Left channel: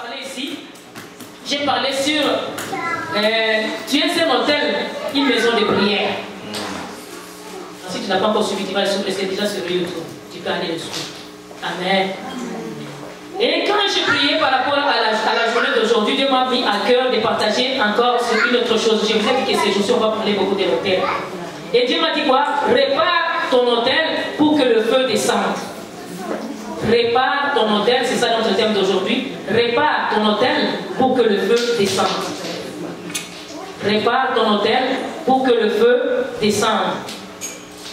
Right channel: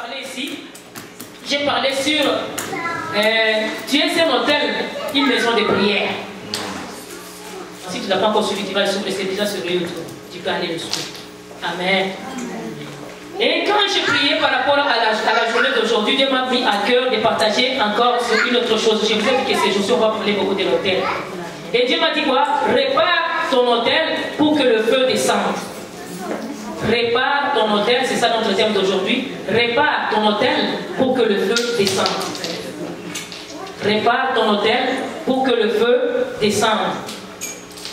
parlé ici, j'ai parlé sur tu es un hôtel, une maison de prière. Si tu n'as pas encore suivi, tu vas le suivre, c'est déjà sur YouTube. Tu peux aller le suivre. Amen. Et quand j'ai prié par rapport à la journée d'aujourd'hui, Dieu m'a mis à cœur de partager encore sur une autre chose. Je vous ai dit que ces jours-ci, on va parler beaucoup de l'hôtel. Et Dieu m'a dit quoi? Répare ton hôtel pour que le feu descende. Répare ton hôtel, c'est ça notre thème d'aujourd'hui. Répare ton hôtel pour que le feu descende. Répare ton hôtel pour que le feu descende.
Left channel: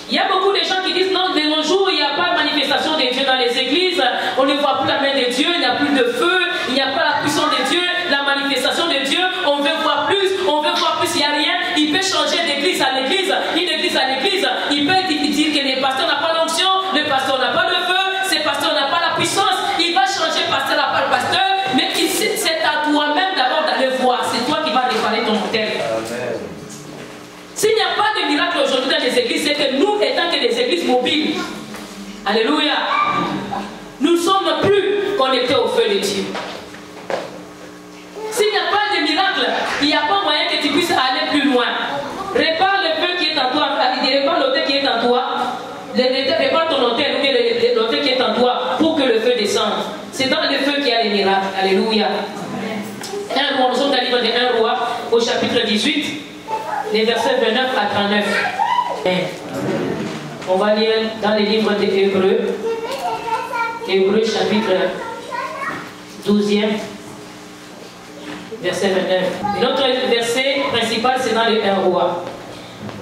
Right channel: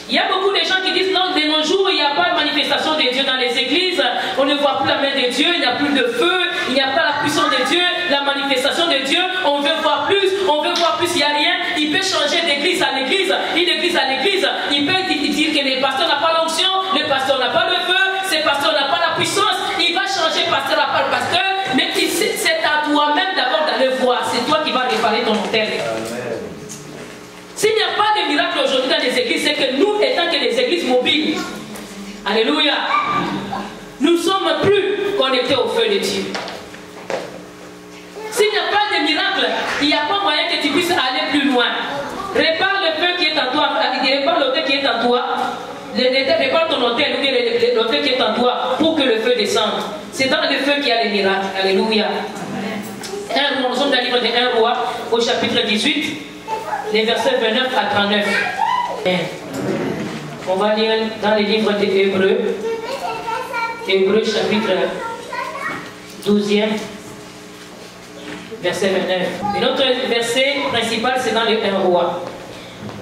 Il y a beaucoup de gens qui disent non, de nos jours, il n'y a pas de manifestation de Dieu dans les églises, on ne voit plus la main de Dieu, il n'y a plus de feu, il n'y a pas la puissance de Dieu, la manifestation de Dieu, on veut voir plus, il n'y a rien. Il peut changer d'église à l'église, une église à l'église, il peut dire que le pasteur n'a pas l'onction, le pasteur n'a pas le feu, ce pasteur n'a pas la puissance, il va changer pasteur à pas le pasteur, mais c'est à toi-même d'abord d'aller voir, c'est toi qui vas réparer ton hôtel. S'il n'y a pas de miracle aujourd'hui dans les églises, c'est que nous, étant que des églises mobiles, alléluia, nous ne sommes plus connectés au feu de Dieu. S'il n'y a pas de miracle, il n'y a pas moyen que tu puisses aller plus loin. Répare le feu qui est en toi, répare l'hôtel qui est en toi, répare ton hôtel ou l'hôtel qui est en toi pour que le feu descende. C'est dans le feu qu'il y a les miracles. Alléluia. Nous sommes dans le livre de 1 Roi, au chapitre 18. Les versets 29 à 39. On va lire dans les livres des Hébreux. Hébreux chapitre 12e, verset 29. Et notre verset principal, c'est dans les 1 Roi.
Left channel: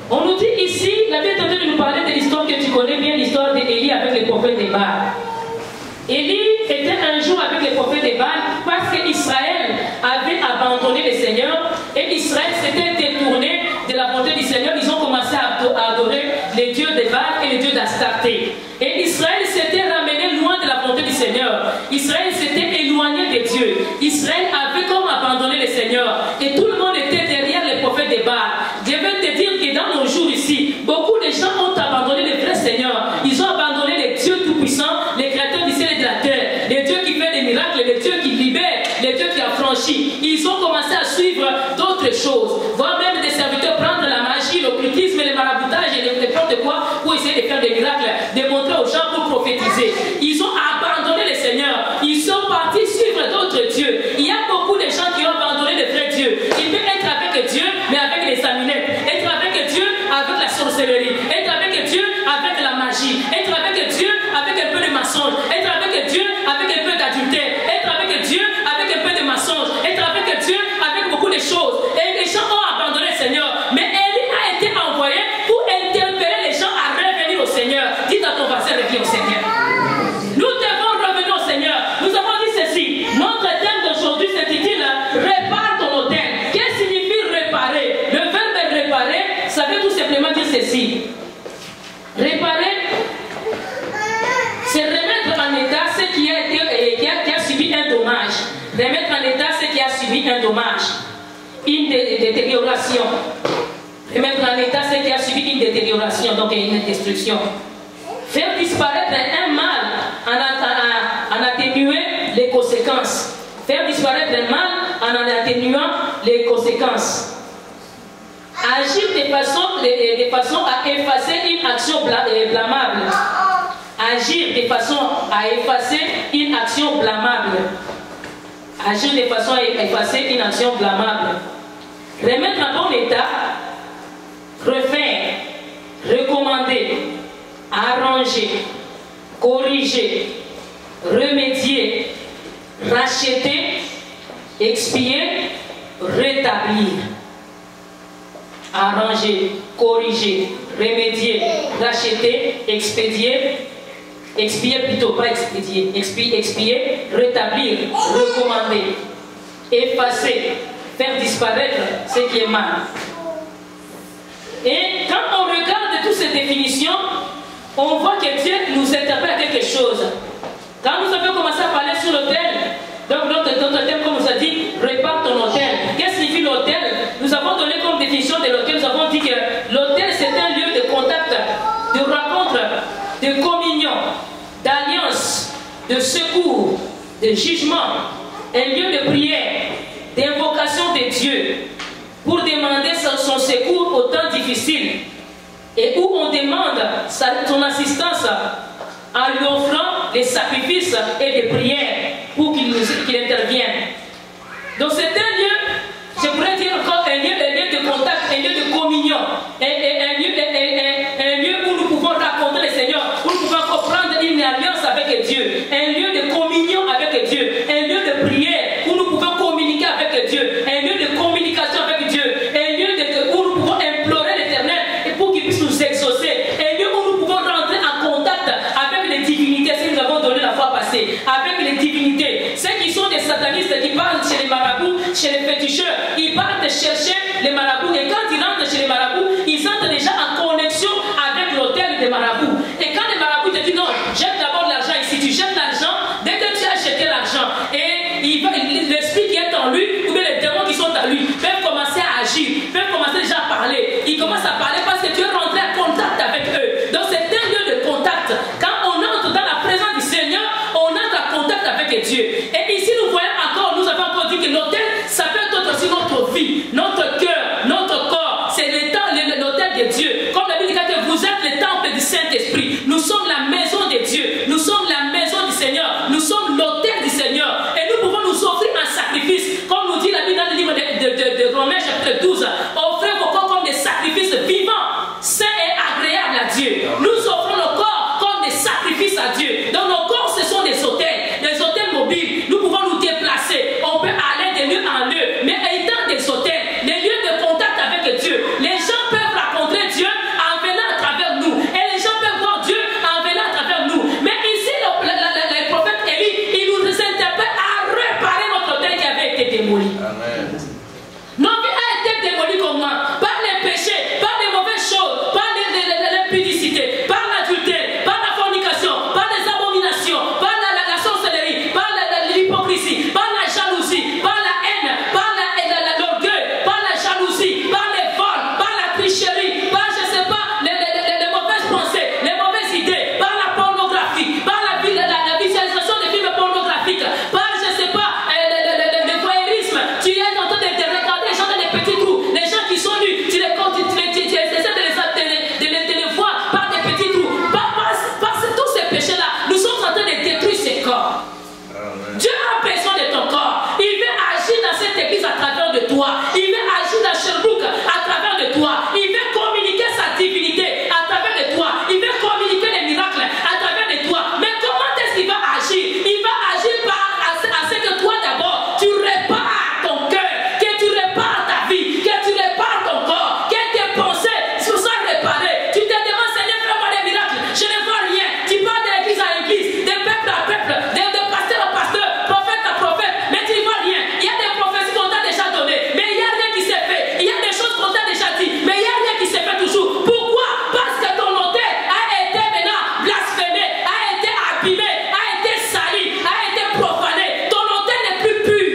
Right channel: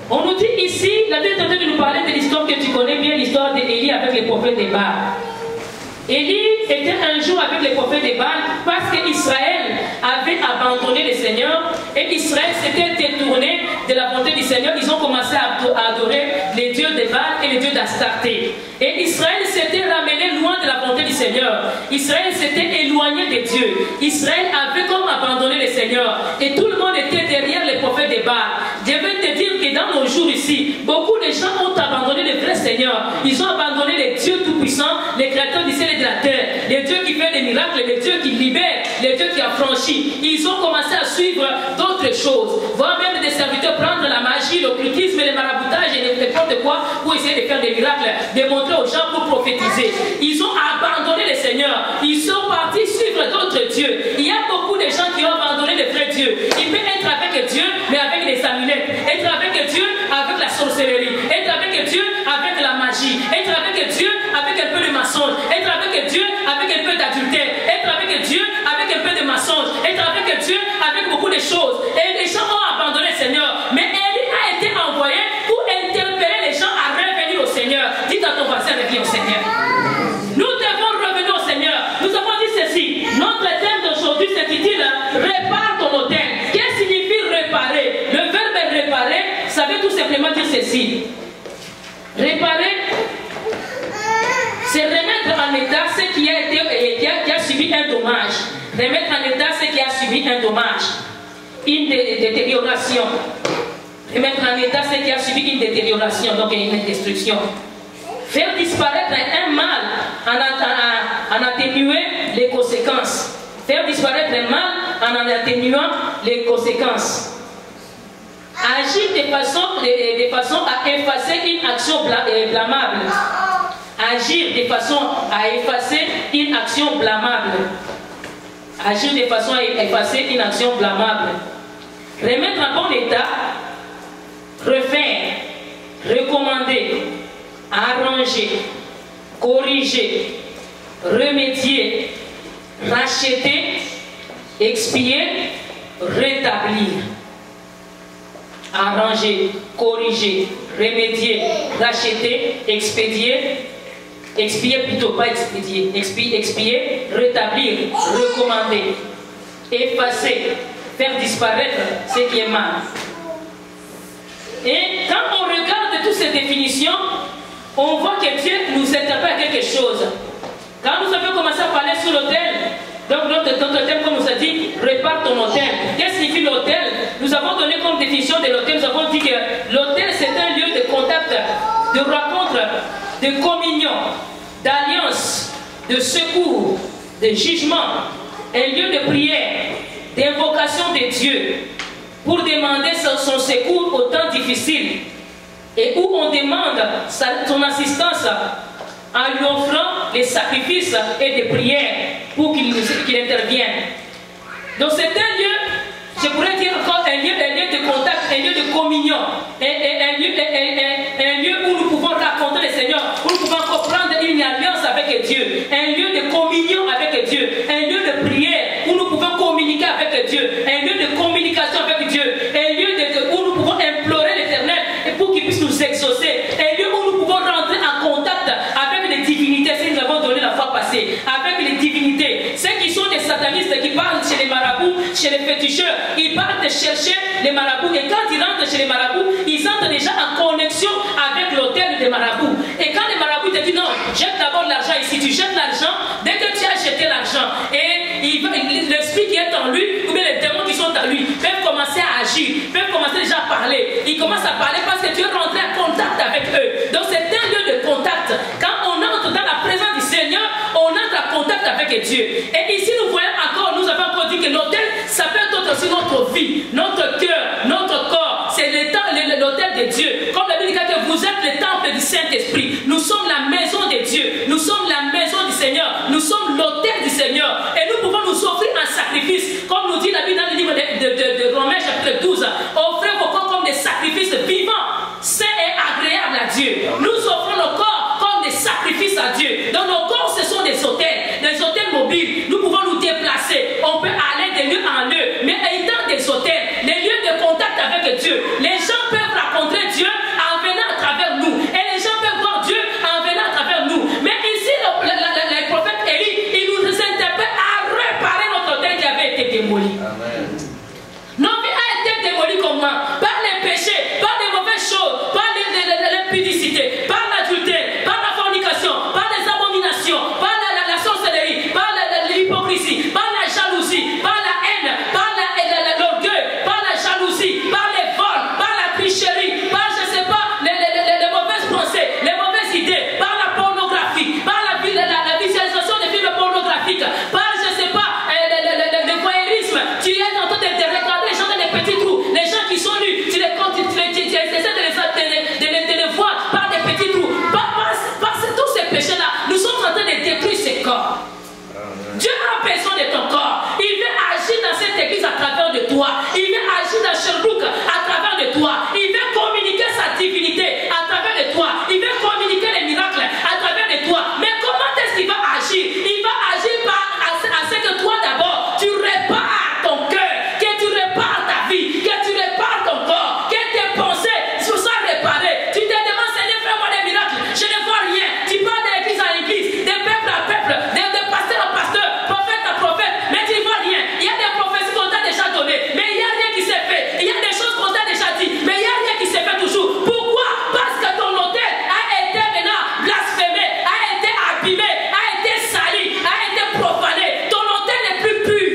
On nous dit ici, la Bible est en train de nous parler de l'histoire que tu connais bien, l'histoire d'Élie avec les prophètes de Baal. Élie était un jour avec les prophètes de Baal parce qu'Israël avait abandonné le Seigneur et Israël s'était détourné de la volonté du Seigneur. Ils ont commencé à adorer les dieux de Baal et les dieux d'Astarté. Et Israël s'était ramené loin de la volonté du Seigneur. Israël s'était éloigné de Dieu. Israël avait comme abandonné le Seigneur. Et tout le monde était derrière les prophètes de Baal. Je veux te dire que dans nos jours ici, beaucoup de gens ont abandonné le vrai Seigneur. Ils ont abandonné les dieux tout-puissants, les créateurs du ciel et de la terre, les dieux qui font des miracles, les dieux qui libèrent, les dieux qui affranchissent. Ils ont commencé à suivre d'autres choses, voire même des serviteurs prendre la magie, l'occultisme, les maraboutages et n'importe quoi pour essayer de faire des miracles, de montrer aux gens pour prophétiser. Ils ont abandonné le Seigneur. Ils sont partis suivre d'autres dieux. Il y a beaucoup de gens qui ont abandonné le vrai Dieu. Il peut être avec Dieu, mais avec les amulettes. Être avec Dieu, avec la sorcellerie. Être avec Dieu, avec la magie. Être avec Dieu, avec un peu de mensonge. Être avec Dieu, avec un peu d'adultère. Être avec Dieu, avec un peu de mensonge. Être avec Dieu, avec beaucoup de choses. Et les gens ont abandonné le Seigneur. Mais Élie a été envoyé pour interpeller les gens à revenir au Seigneur. Dis à ton voisin, reviens au Seigneur. Nous devons revenir au Seigneur. Nous avons dit ceci. Notre thème d'aujourd'hui s'intitule Répare ton hôtel. Qu'est-ce que signifie réparer? Le verbe réparer, ça veut tout simplement dire ceci. Réparer, c'est remettre en état ce qui a subi un dommage. Remettre en état ce qui a subi un dommage. Une détérioration. Remettre en état ce qui a subi une détérioration, donc une destruction. Faire disparaître un mal en atténuer les conséquences. Faire disparaître un mal en atténuant les conséquences. Agir de façon à effacer une action blâmable. Agir de façon à effacer une action blâmable. Agir de façon à effacer une action blâmable. Remettre en bon état, refaire, recommander, arranger, corriger, remédier, racheter, expier, rétablir. Arranger, corriger, remédier, racheter, expédier, expier plutôt, pas expédier, expier, rétablir, recommander, effacer, faire disparaître ce qui est mal. Et quand on regarde toutes ces définitions, on voit que Dieu nous interpelle à quelque chose. Quand nous avons commencé à parler sur l'autel, donc notre thème, comme nous a dit, répare ton hôtel. Qu'est-ce que signifie l'hôtel? Nous avons donné comme définition de l'hôtel, nous avons dit que l'hôtel c'est un lieu de contact, de rencontre, de communion, d'alliance, de secours, de jugement, un lieu de prière, d'invocation de Dieu, pour demander son secours au temps difficile, et où on demande son assistance en lui offrant les sacrifices et les prières pour qu'il intervienne. Donc c'est un lieu, je pourrais dire encore un lieu de contact, un lieu de communion, un lieu où nous pouvons raconter le Seigneur, où nous pouvons comprendre une alliance avec Dieu, un lieu de communion avec Dieu, un lieu de prière où nous pouvons communiquer avec Dieu, un lieu de communication avec Dieu, un lieu où nous pouvons implorer l'Éternel et pour qu'il puisse nous exaucer, un lieu où nous pouvons rentrer en contact avec les divinités, si nous avons donné la fois passée, avec les divinités, ceux qui sont des satanistes qui parlent chez les marabouts, chez les féticheurs, ils partent chercher les marabouts et quand ils rentrent chez les marabouts, ils entrent déjà en connexion avec l'autel des marabouts. Et quand les marabouts te disent non, jette d'abord l'argent ici, tu jettes l'argent, dès que tu as jeté l'argent, et l'esprit qui est en lui, ou bien les démons qui sont en lui, peuvent commencer à agir, peuvent commencer déjà à parler. Ils commencent à parler parce que tu es rentré en contact avec eux. Donc c'est un lieu de contact. Quand on entre dans la présence du Seigneur, on entre en contact avec Dieu. Et ici nous voyons encore, nous avons encore dit que l'autel, ça peut être aussi notre vie, notre cœur, notre corps. C'est l'autel de Dieu. Comme la Bible dit que vous êtes le temple du Saint-Esprit. Nous sommes la maison de Dieu. Nous sommes la maison du Seigneur. Nous sommes l'autel du Seigneur. Et nous pouvons nous offrir un sacrifice. Comme nous dit la Bible dans le livre de Romains chapitre 12. Offrez vos corps comme des sacrifices vivants, saints et agréables à Dieu. Nous offrons nos corps comme des sacrifices à Dieu. Donc nos corps, ce sont des hôtels mobiles. Nous pouvons nous déplacer. On peut aller de lieu en lieu. Mais étant des hôtels, des lieux de contact avec Dieu, les gens peuvent rencontrer Dieu en venant à travers nous. Et les gens peuvent voir Dieu en venant à travers nous. Mais ici, le prophète Élie, il nous interpelle à réparer notre hôtel qui avait été démoli. Amen. Notre vie a été démolie comment? Par les péchés, par les mauvaises choses, par l'impudicité, par l'adultère, par la fornication, par les abominations, par la sorcellerie, par l'hypocrisie, par la jalousie, par la haine, par l'orgueil, par la jalousie, par les vols, par la tricherie, par je sais pas, les mauvaises pensées, les mauvaises idées, par la pornographie, par la visualisation des films pornographiques, par je sais pas, le voyeurisme. Tu es en train de regarder les gens dans les petits trous, les gens qui sont nus, tu essaies de les voir par des petits trous. Par tous ces péchés-là, nous sommes en train de détruire ces corps. Dieu a besoin de ton corps. Il veut agir dans cette église à travers de toi. Il veut agir dans Sherbrooke à travers de toi. Il veut communiquer sa divinité à travers de toi. Il veut communiquer les miracles à travers de toi. Mais comment est-ce qu'il va agir? Il va agir à ce que toi d'abord, tu répares ton cœur, que tu répares ta vie, que tu répares ton corps, que tes pensées soient réparées. Tu te demandes, Seigneur, fais-moi des miracles. Je ne vois rien. Tu pars de l'église à l'église, de peuple à peuple, de pasteur à pasteur, prophète à prophète, mais tu ne vois rien. Il y a des prophéties qu'on t'a déjà données, mais il n'y a rien qui s'est fait. Il y a des choses qu'on t'a déjà dit, mais il n'y a rien qui s'est fait toujours. Pourquoi? Parce que ton hôtel a été maintenant blasphémé, a été abîmé, a été sali, a été profané. Ton hôtel n'est plus pur.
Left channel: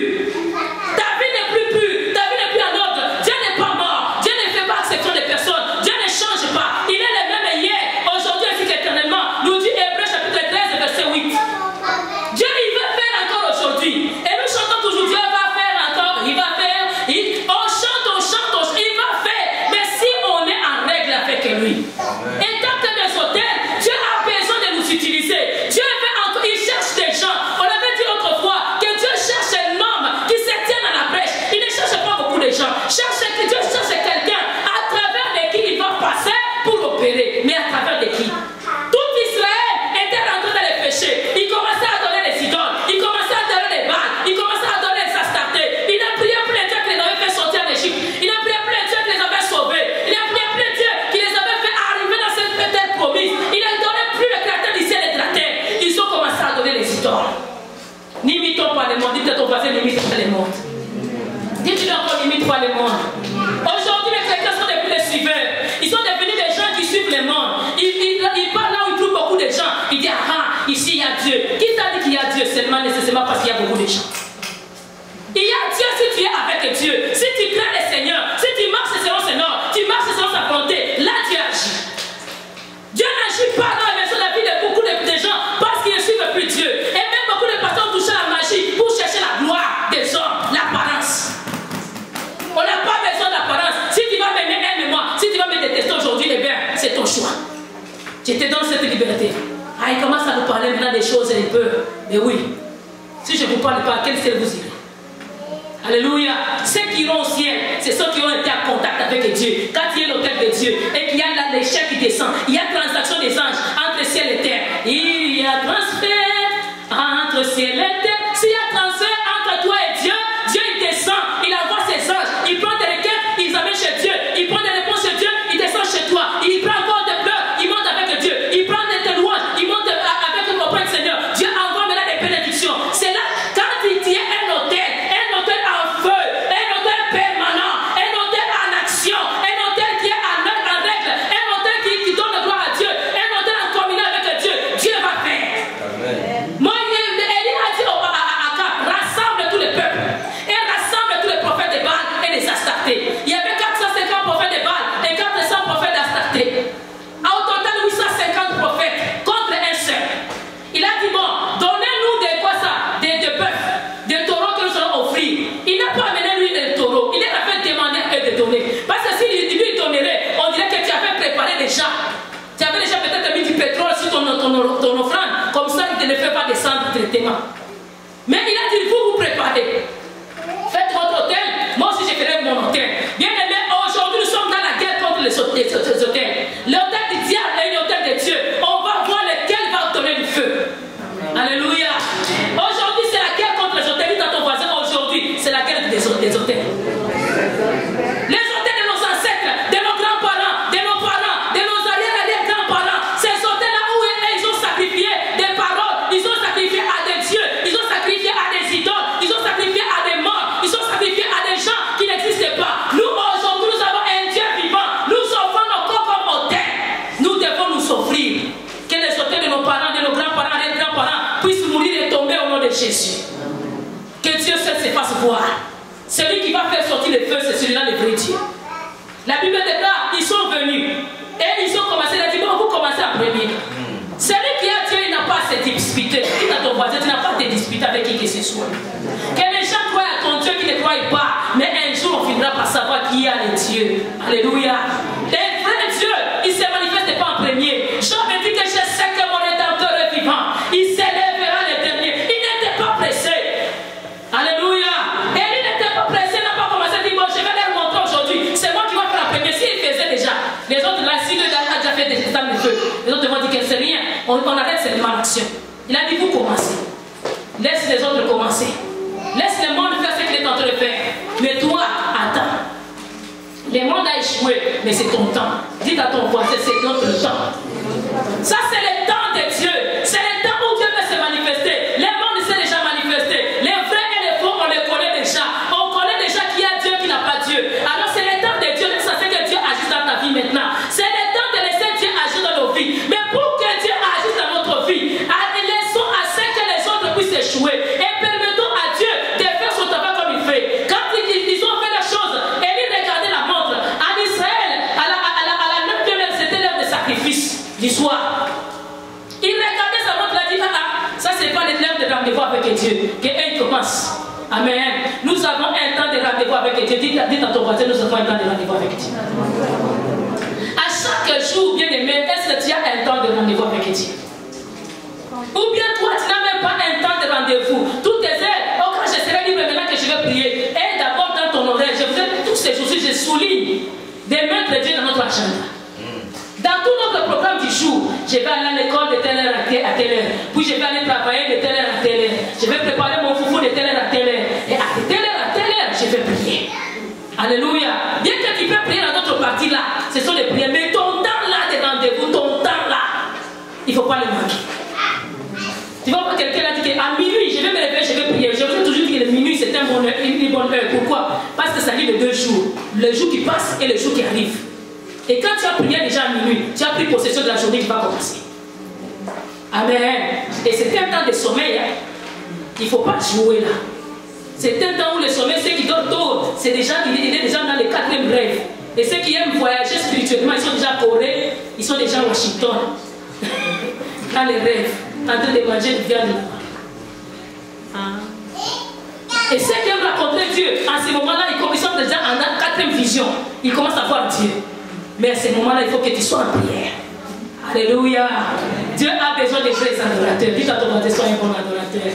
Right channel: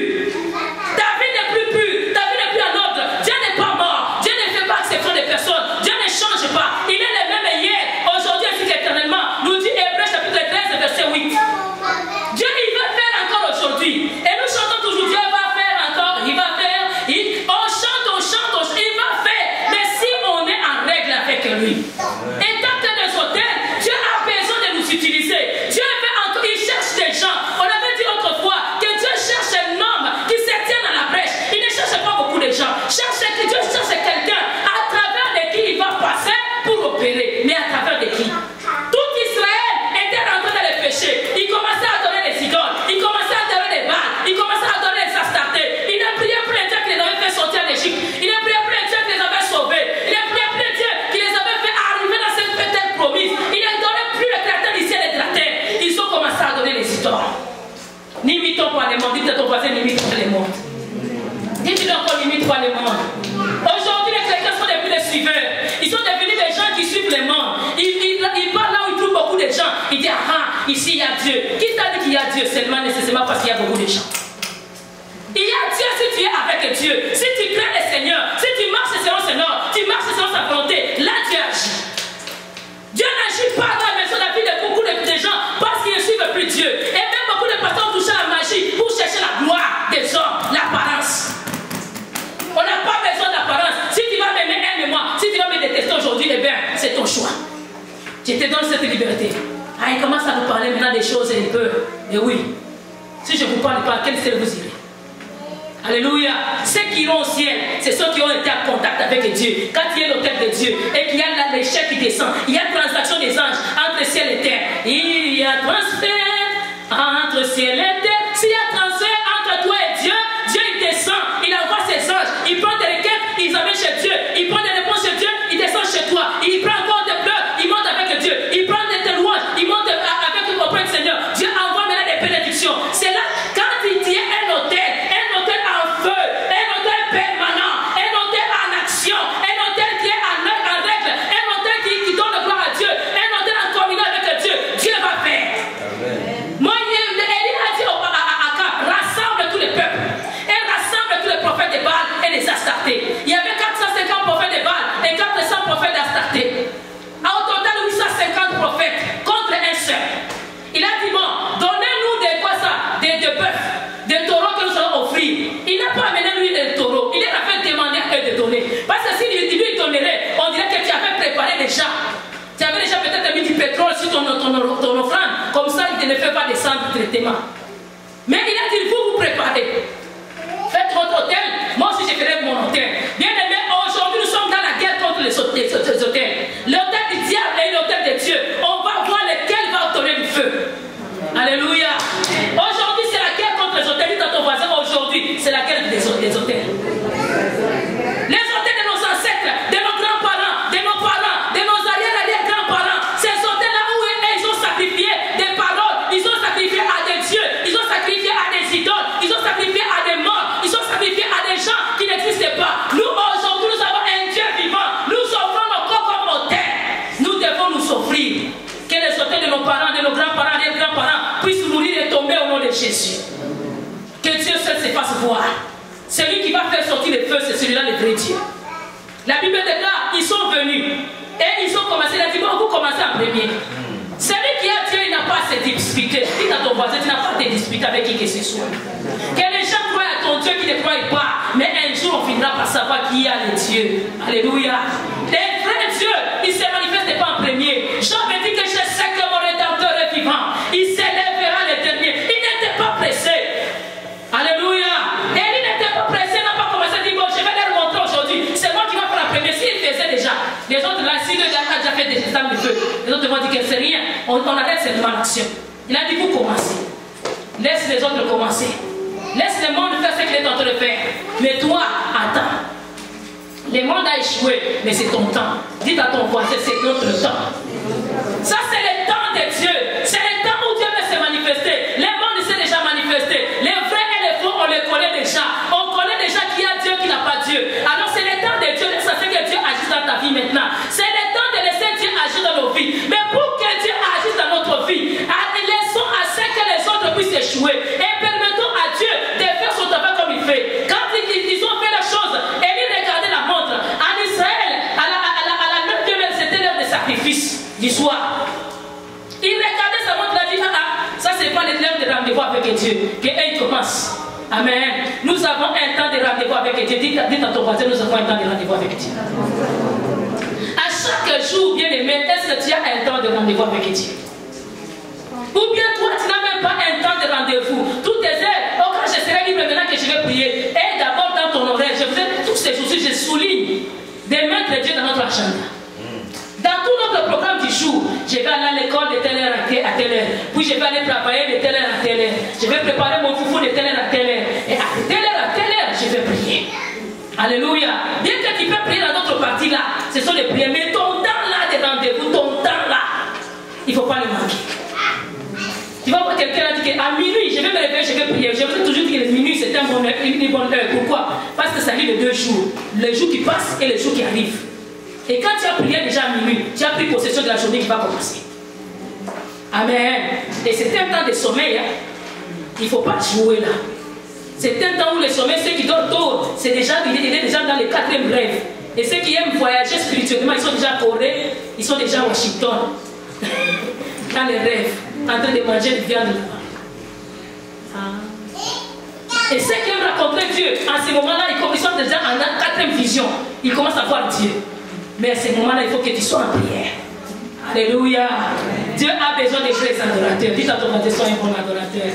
Ta vie n'est plus pure, ta vie n'est plus en ordre. Dieu n'est pas mort. Dieu ne fait pas exception des personnes. Dieu ne change pas. Il est le même hier, aujourd'hui ainsi qu'éternellement. Nous dit Hébreux chapitre 13 verset 8. Dieu il veut faire encore aujourd'hui. Et nous chantons toujours Dieu va faire encore, il va faire. On chante, il va faire. Mais si on est en règle avec lui. Et tant que des hôtels, Dieu a besoin de nous utiliser. Dieu veut encore, il cherche des gens. On avait dit autrefois que Dieu cherche un homme qui se tient dans la brèche. Il ne cherche pas beaucoup de gens. Dieu cherche quelqu'un à travers de qui il va passer pour opérer. Mais à travers de qui? Tout Israël était rentré dans les péchés. Il commençait à adorer les idoles. Il commençait à adorer les Baals. Il commençait à adorer les Astartés. Il a prié pour les dieux qui les avaient fait sortir d'Égypte. Il a prié pour les dieux qui les avaient sauvés. Il a prié pour les dieux qui les avaient fait arriver dans cette terre promise. Il n'adorait plus le créateur du ciel et de la terre. Ils ont commencé à adorer les idoles. N'imitons pas les mondes. Dites à ton voisin, n'imite pas les mondes. Dites-lui encore, n'imite pas les mondes. Aujourd'hui, les chrétiens sont devenus les suiveurs. Ils sont devenus des gens qui suivent les mondes. Ils parlent là où ils trouvent beaucoup de gens. Ils disent, ah, ici il y a Dieu. Qui t'a dit qu'il y a Dieu? Seulement nécessairement parce qu'il y a beaucoup de gens. Il y a Dieu si tu es avec Dieu. Si tu crains le Seigneur, si tu marches selon ses normes, tu marches selon sa volonté, là Dieu agit. Dieu n'agit pas dans la maison de la vie de beaucoup de gens parce qu'ils ne suivent plus Dieu. Et même beaucoup de personnes touchent à la magie pour chercher la gloire. Si je ne vous parle pas, quel ciel vous irez? Alléluia. Ceux qui iront au ciel, c'est ceux qui ont été en contact avec Dieu. Quand il y a l'autel de Dieu et qu'il y a là l'échec qui descend, il y a transaction des anges entre ciel et terre. Il y a transfert entre ciel et terre. S'il y a transfert entre toi et Dieu, Dieu il descend, il envoie ses anges, il prend des requêtes, il amène chez Dieu, il prend des réponses chez Dieu, il descend chez toi, il prend encore des pleurs, il monte avec Dieu, il prend des louanges, il monte avec le copain du Seigneur. Dieu envoie maintenant des bénédictions. C'est là, quand il y a un hôtel en feu, un hôtel permanent, un hôtel en action, un hôtel qui est en règle, un hôtel qui donne la gloire à Dieu, un hôtel en communion avec Dieu, Dieu va faire. Moi, Élie a dit à Akab, rassemble tous les peuples et rassemble tous les prophètes de Baal et les Astartés. Il y avait 450 prophètes de Baal et 400 prophètes d'Astartés. Au total, 850 prophètes contre un seul. Il a dit, bon, donnez-nous des quoi ça, des bœufs, des taureaux que nous allons offrir. Il n'a pas amené lui des taureaux. Il a fait demander à eux de donner. Parce que s'il lui donnerait, on dirait que tu avais préparé déjà. Tu avais déjà peut-être mis du pétrole sur ton offrande. Comme ça, il ne le fait pas descendre directement. Mais il a dit, vous préparez. Faites votre hôtel. Moi aussi, je ferai mon hôtel. Bien aimé, aujourd'hui, nous sommes dans la guerre contre les hôtels. L'hôtel du diable et l'hôtel de Dieu. On va voir lequel va donner du feu. Alléluia. Aujourd'hui, c'est la guerre contre les hôtels. Dis à ton voisin, aujourd'hui, c'est la guerre des hôtels. Les hôtels de nos ancêtres, de nos grands-parents, de nos arrière-arrière-grands-parents. Ces hôtels-là où ils ont sacrifié des paroles, ils ont sacrifié à des dieux, ils ont sacrifié à des idoles, ils ont sacrifié à des morts, ils ont sacrifié à des gens qui n'existent pas. Nous, aujourd'hui, nous avons un Dieu vivant. Nous offrons nos corps comme hôtel. Nous devons nous offrir. Que les hôtels de nos parents, de nos grands-parents, des grands-parents puissent mourir et tomber au nom de Jésus. Que Dieu seul se fasse voir. Celui qui va faire sortir le feu, c'est celui-là le vrai Dieu. La Bible déclare, ils sont venus et ils ont commencé, il a dit, bon, vous commencez en premier. Celui qui a Dieu, il n'a pas à se disputer. Dis à ton voisin, tu n'as pas à te disputer avec qui que ce soit. Que les gens croient à ton Dieu qui ne croient pas, mais un jour on finira par savoir qui a le Dieu. Alléluia. Le vrai Dieu, il ne se manifeste pas en premier. Jean me dit que je sais que mon Rédempteur est vivant. Il s'élèvera le dernier. Il n'était pas pressé. Alléluia. Et il n'était pas pressé, il n'a pas commencé à dire, bon, je vais leur montrer aujourd'hui. C'est moi qui vais faire la première. S'il faisait déjà, les autres là, si le gars a déjà fait des états de feu, les autres vont dire que c'est rien. On arrête seulement l'action. Il a dit, vous commencez. Laisse les autres commencer. Laisse le monde faire ce qu'il est en train de faire. Mais toi, attends. Le monde a échoué, mais c'est ton temps. Dites à ton voisin, c'est notre temps. Ça, c'est le temps de Dieu. C'est le temps où Dieu va se manifester. Le monde s'est déjà manifesté. Les vrais et les faux, on les connaît déjà. On connaît déjà qui a Dieu, qui n'a pas Dieu. Alors, c'est le temps de Dieu. Ça, c'est que Dieu agisse dans ta vie maintenant. C'est le temps de laisser Dieu agir dans nos vies. Mais pour que Dieu agisse dans notre vie, laissons à ce que les autres puissent échouer. Et permettons à Dieu de faire son travail comme il fait. Quand ils ont fait la chose, Élie regardait la montre. En Israël, à la 9e heure, c'était l'heure de sacrifice du soir. Il regardait sa montre, il a dit, ça c'est pas l'heure de rendez-vous avec Dieu. Que il commence. Amen. Nous avons un temps de rendez-vous avec Dieu. Dites à ton voisin, nous avons un temps de rendez-vous avec Dieu. À chaque jour, bien aimé, est-ce que tu as un temps de rendez-vous avec Dieu? Ou bien toi, tu n'as même pas un temps de rendez-vous. Toutes tes heures, oh, quand je serai libre maintenant que je vais prier. Et d'abord dans ton oreille, je vous ai tous ces jours, je souligne de mettre Dieu dans notre agenda. Dans tout notre programme du jour, je vais aller à l'école de telle heure à telle heure. Puis je vais aller travailler de telle heure à telle heure. Je vais préparer mon foufou de telle heure à telle heure. Et à telle heure, je vais prier. Alléluia. Bien que tu peux prier dans d'autres parties là, ce sont les prières. Mais ton temps là de rendez-vous, ton temps là, il ne faut pas le manquer. Tu vas voir quelqu'un a dit qu'à minuit, je vais me réveiller, je vais prier. Je vous ai toujours dit que le minuit, c'est une bonne heure. Pourquoi? Parce que ça arrive de 2 jours. Le jour qui passe et le jour qui arrive. Et quand tu as prié déjà à minuit, tu as pris possession de la journée qui va commencer. Amen. Et c'est un temps de sommeil. Hein. Il ne faut pas jouer là. C'est un temps où le sommeil, ceux qui dorment tôt, il est déjà dans le 4e rêve. Et ceux qui aiment voyager spirituellement, ils sont déjà à Corée, ils sont déjà à Washington. Dans les rêves, en train de manger de viande là-bas. Et ceux qui aiment rencontrer Dieu, en ce moment-là, ils sont déjà en 4e vision. Ils commencent à voir Dieu. Mais à ce moment-là, il faut que tu sois en prière. Alléluia. Dieu a besoin de vrais adorateurs. Dites à ton voisin, sois un bon adorateur.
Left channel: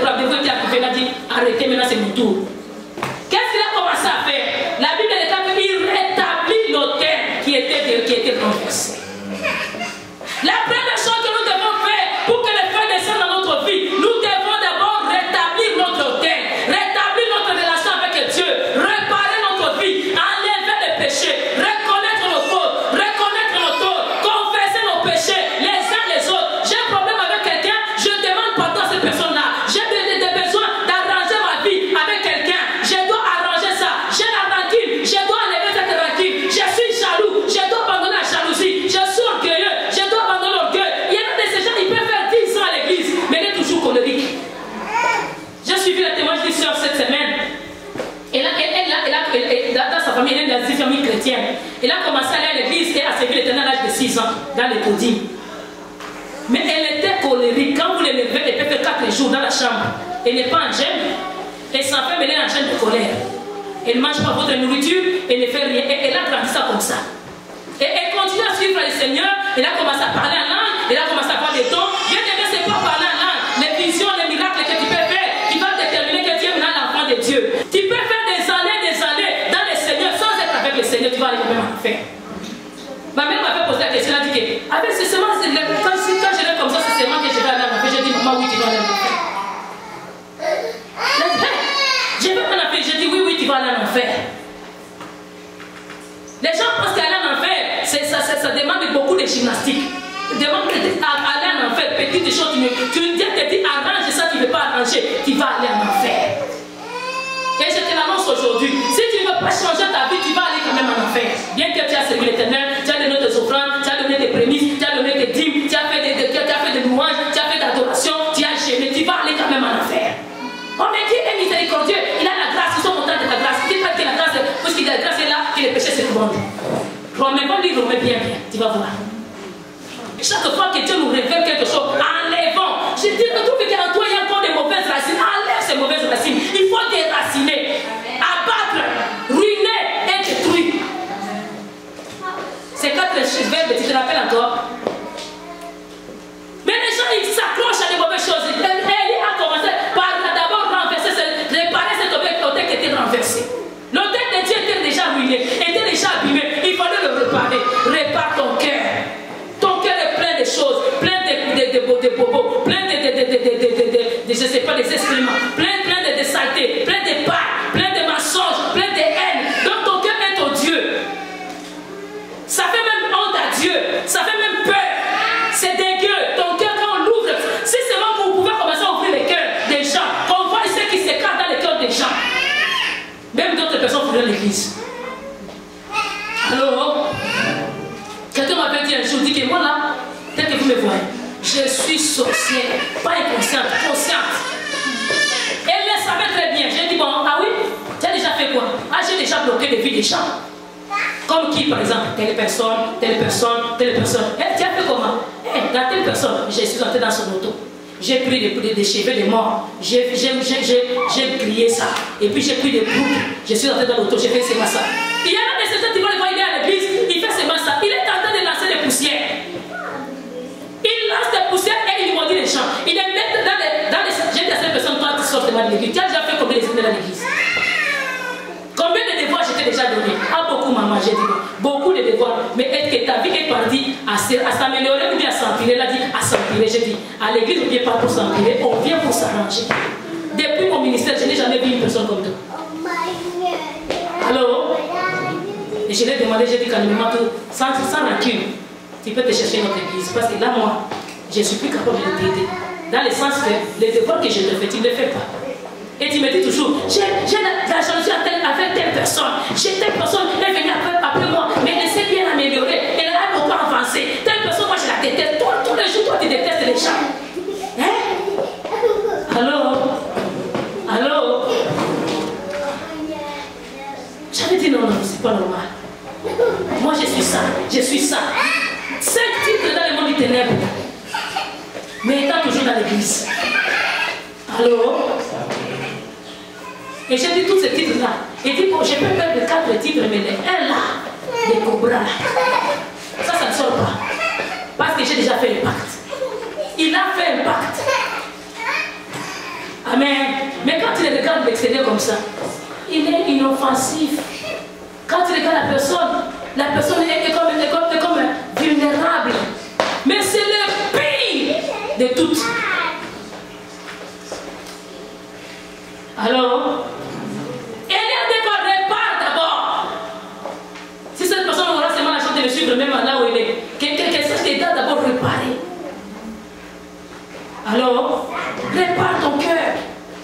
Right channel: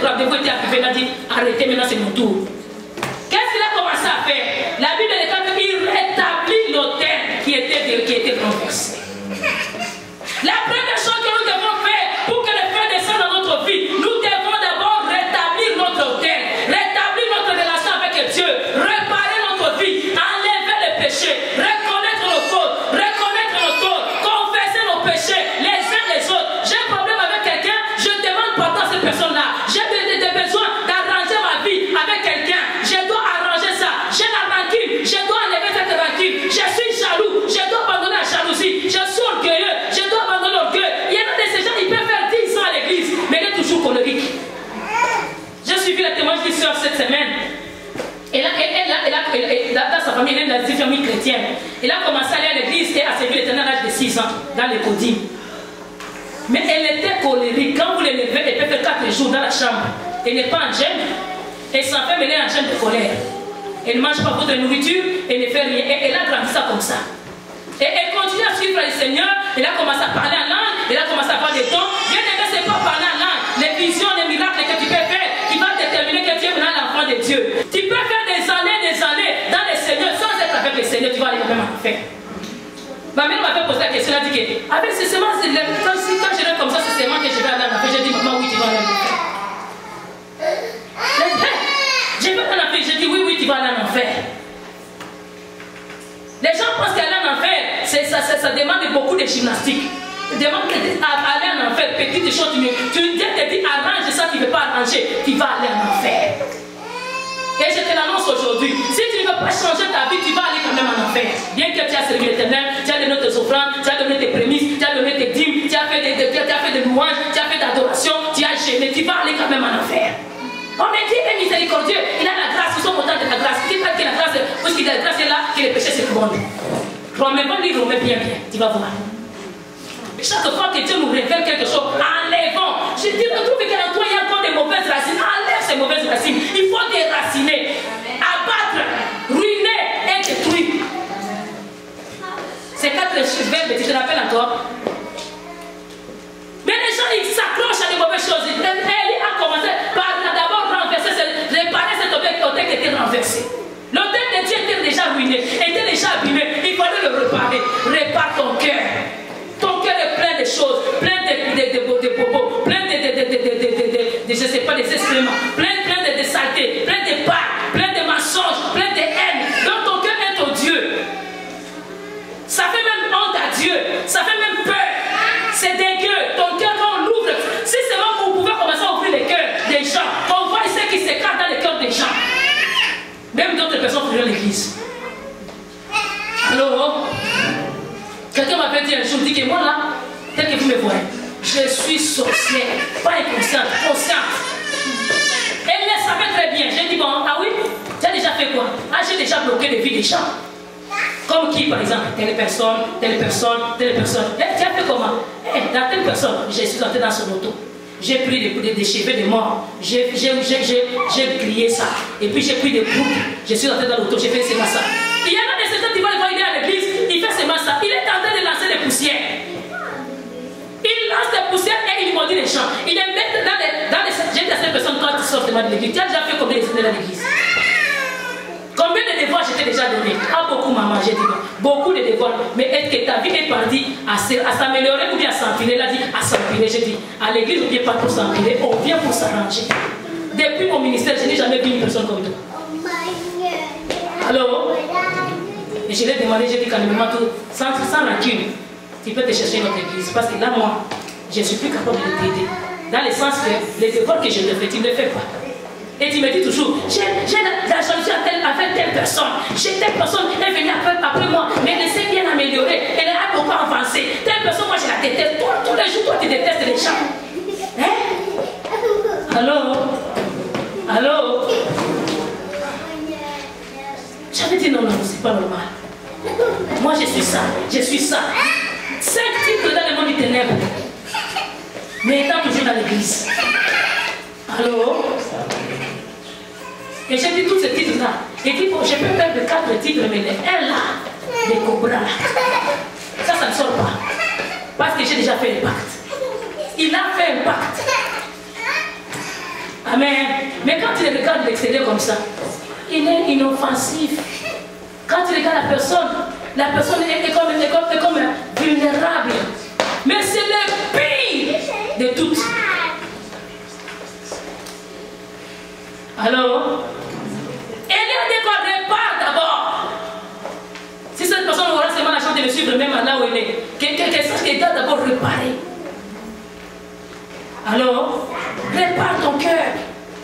le rendez-vous était arrivé, il a dit, arrêtez, maintenant c'est mon tour. Qu'est-ce qu'il a commencé à faire? La Bible déclare qu'il rétablit l'autel qui était renversé. La première chose que nous devons faire pour que le feu descende dans notre vie, nous devons d'abord rétablir notre autel, rétablir notre relation avec Dieu, réparer notre vie, enlever les péchés, reconnaître nos fautes, reconnaître nos torts, confesser nos péchés les uns les autres. J'ai un problème avec quelqu'un, je demande pardon à cette personne-là. J'ai des besoins d'arranger ma vie avec quelqu'un, je dois arranger ça. J'ai la rancune, je dois enlever cette rancune. Je suis jaloux, je dois abandonner la jalousie. Je suis orgueilleux, je dois abandonner l'orgueil. Il y en a de ces gens, ils peuvent faire 10 ans à l'église, mais il est toujours colérique. J'ai suivi le témoignage d'une soeur cette semaine. Dans sa famille, elle est dans une famille chrétienne. Elle a commencé à aller à l'église et a servi l'Éternel à l'âge de 6 ans, dans les codines. Mais elle était colérique. Quand vous l'élevez, elle peut faire 4 jours dans la chambre. Elle n'est pas en gêne. Elle s'en fait mêler en gêne de colère. Elle ne mange pas votre nourriture, elle ne fait rien. Et elle a grandi ça comme ça. Et elle continue à suivre le Seigneur. Elle a commencé à parler en langue. Elle a commencé à faire des dons. Bien aimé, ce n'est pas parler en langue. Les visions, les miracles que tu peux faire, qui vont déterminer que tu es maintenant l'enfant de Dieu. Tu peux faire des années dans le Seigneur sans être avec le Seigneur. Tu vas aller même en faire. Ma mère m'avait posé la question. Elle a dit que avec ce semences, quand je l'ai comme ça, c'est seulement que je vais aller en enfer. J'ai dit, maman, oui, tu vas aller en enfer. Je veux en enfer. J'ai dit, oui, tu vas aller en enfer. Les gens pensent qu'aller en enfer, ça demande beaucoup de gymnastique. Ça demande d'aller en enfer, petites choses. Tu te dis, arrange ça, tu ne veux pas arranger. Tu vas aller en enfer. Et je te l'annonce aujourd'hui. Si tu ne veux pas changer ta vie, tu vas aller quand même en enfer. Bien que tu as servi l'Éternel, tu as donné tes offrandes, tu as donné tes prémices, tu as donné tes dîmes, tu as fait des louanges, tu as fait d'adoration, tu as gêné, tu vas aller quand même en enfer. On me dit, il est miséricordieux, il a la grâce, ils sont contents de la grâce. Qui parle que la grâce, puisqu'il a la grâce est là, que les péchés se répandent. Remets pas lui, remets bien, tu vas voir. Chaque fois que Dieu nous révèle quelque chose, enlevons. Je dis, retrouve qu'en toi, il y a encore des mauvaises racines. Enlève ces mauvaises racines. Il faut déraciner, abattre, ruiner et détruire. Ces 4 verbes, tu te rappelles encore? Mais les gens, ils s'accrochent à des mauvaises choses. Élie a commencé par d'abord renverser, réparer cet autel qui était renversé. L'autel de Dieu était déjà ruiné, était déjà abîmé. Il fallait le réparer. Répare ton cœur. Ton cœur est plein de choses, plein de bobos, plein de je sais pas, des excréments, plein de saletés, plein de parts, plein de mensonges, plein de haine. Donc ton cœur est ton Dieu. Ça fait même honte à Dieu, ça fait même peur. C'est dégueu. Ton cœur, quand on l'ouvre, si seulement vous pouvez commencer à ouvrir les cœurs des gens, on voit ce qui se cache dans les cœurs des gens. Même d'autres personnes font l'église. Alors, quelqu'un m'avait dit un jour, dit que moi là, tel que vous me voyez, je suis sorcière, pas inconsciente, consciente. Elle le savait très bien. J'ai dit, bon, ah oui, tu as déjà fait quoi? Ah, j'ai déjà bloqué les vies des gens. Comme qui, par exemple, telle personne, telle personne, telle personne. Eh, tu as fait comment? Eh, dans telle personne, je suis entré dans son auto. J'ai pris des cheveux de mort. J'ai grillé ça. Et puis j'ai pris des boucles. Je suis entré dans l'auto, j'ai fait seulement ça. Il y en a des certains qui vont le voir, il est à l'église, il fait seulement ça. Il est en train de lancer des poussières. Il lance des poussières et il maudit les gens. Il les met dans les... J'ai dit à cette personne, toi, tu sors de l'église. Tu as déjà fait combien d'années dans l'église? Combien de devoirs je t'ai déjà donné? Ah, beaucoup, maman, j'ai dit. Beaucoup de devoirs. Mais est-ce que ta vie est partie à s'améliorer ou bien à s'empirer? Elle a dit à s'empirer. J'ai dit, à l'église, on ne vient pas pour s'empirer, on vient pour s'arranger. Depuis mon ministère, je n'ai jamais vu une personne comme toi. Alors, et je l'ai demandé, j'ai dit calmement, sans rancune, tu peux te chercher notre église. Parce que là, moi, je ne suis plus capable de t'aider. Dans le sens que les devoirs que je te fais, tu ne les fais pas. Et tu me dis toujours, j'ai la jalousie avec telle personne. Telle personne est venue après moi, mais elle s'est bien améliorée. Elle a beaucoup avancé. Telle personne, moi je la déteste. Tous les jours, toi tu détestes les gens. Hein? Allô? J'avais dit non, c'est pas normal. Moi je suis ça. 5 titres dans le monde du ténèbre. Mais étant toujours dans l'église. Allô? Et j'ai dit tous ces titres-là. Il dit, bon, je peux perdre 4 titres, mais les 1 là, les cobras là, ça ne sort pas. Parce que j'ai déjà fait un pacte. Il a fait un pacte. Amen. Mais quand tu le regardes de l'extérieur comme ça, il est inoffensif. Quand tu regardes la personne est comme vulnérable. Mais c'est le pire de toutes. Alors, Élie dit qu'on répare d'abord. Si cette personne aura seulement la chance de le suivre, même là où elle est, qu'elle sache qu'elle doit d'abord réparer. Alors, répare ton cœur.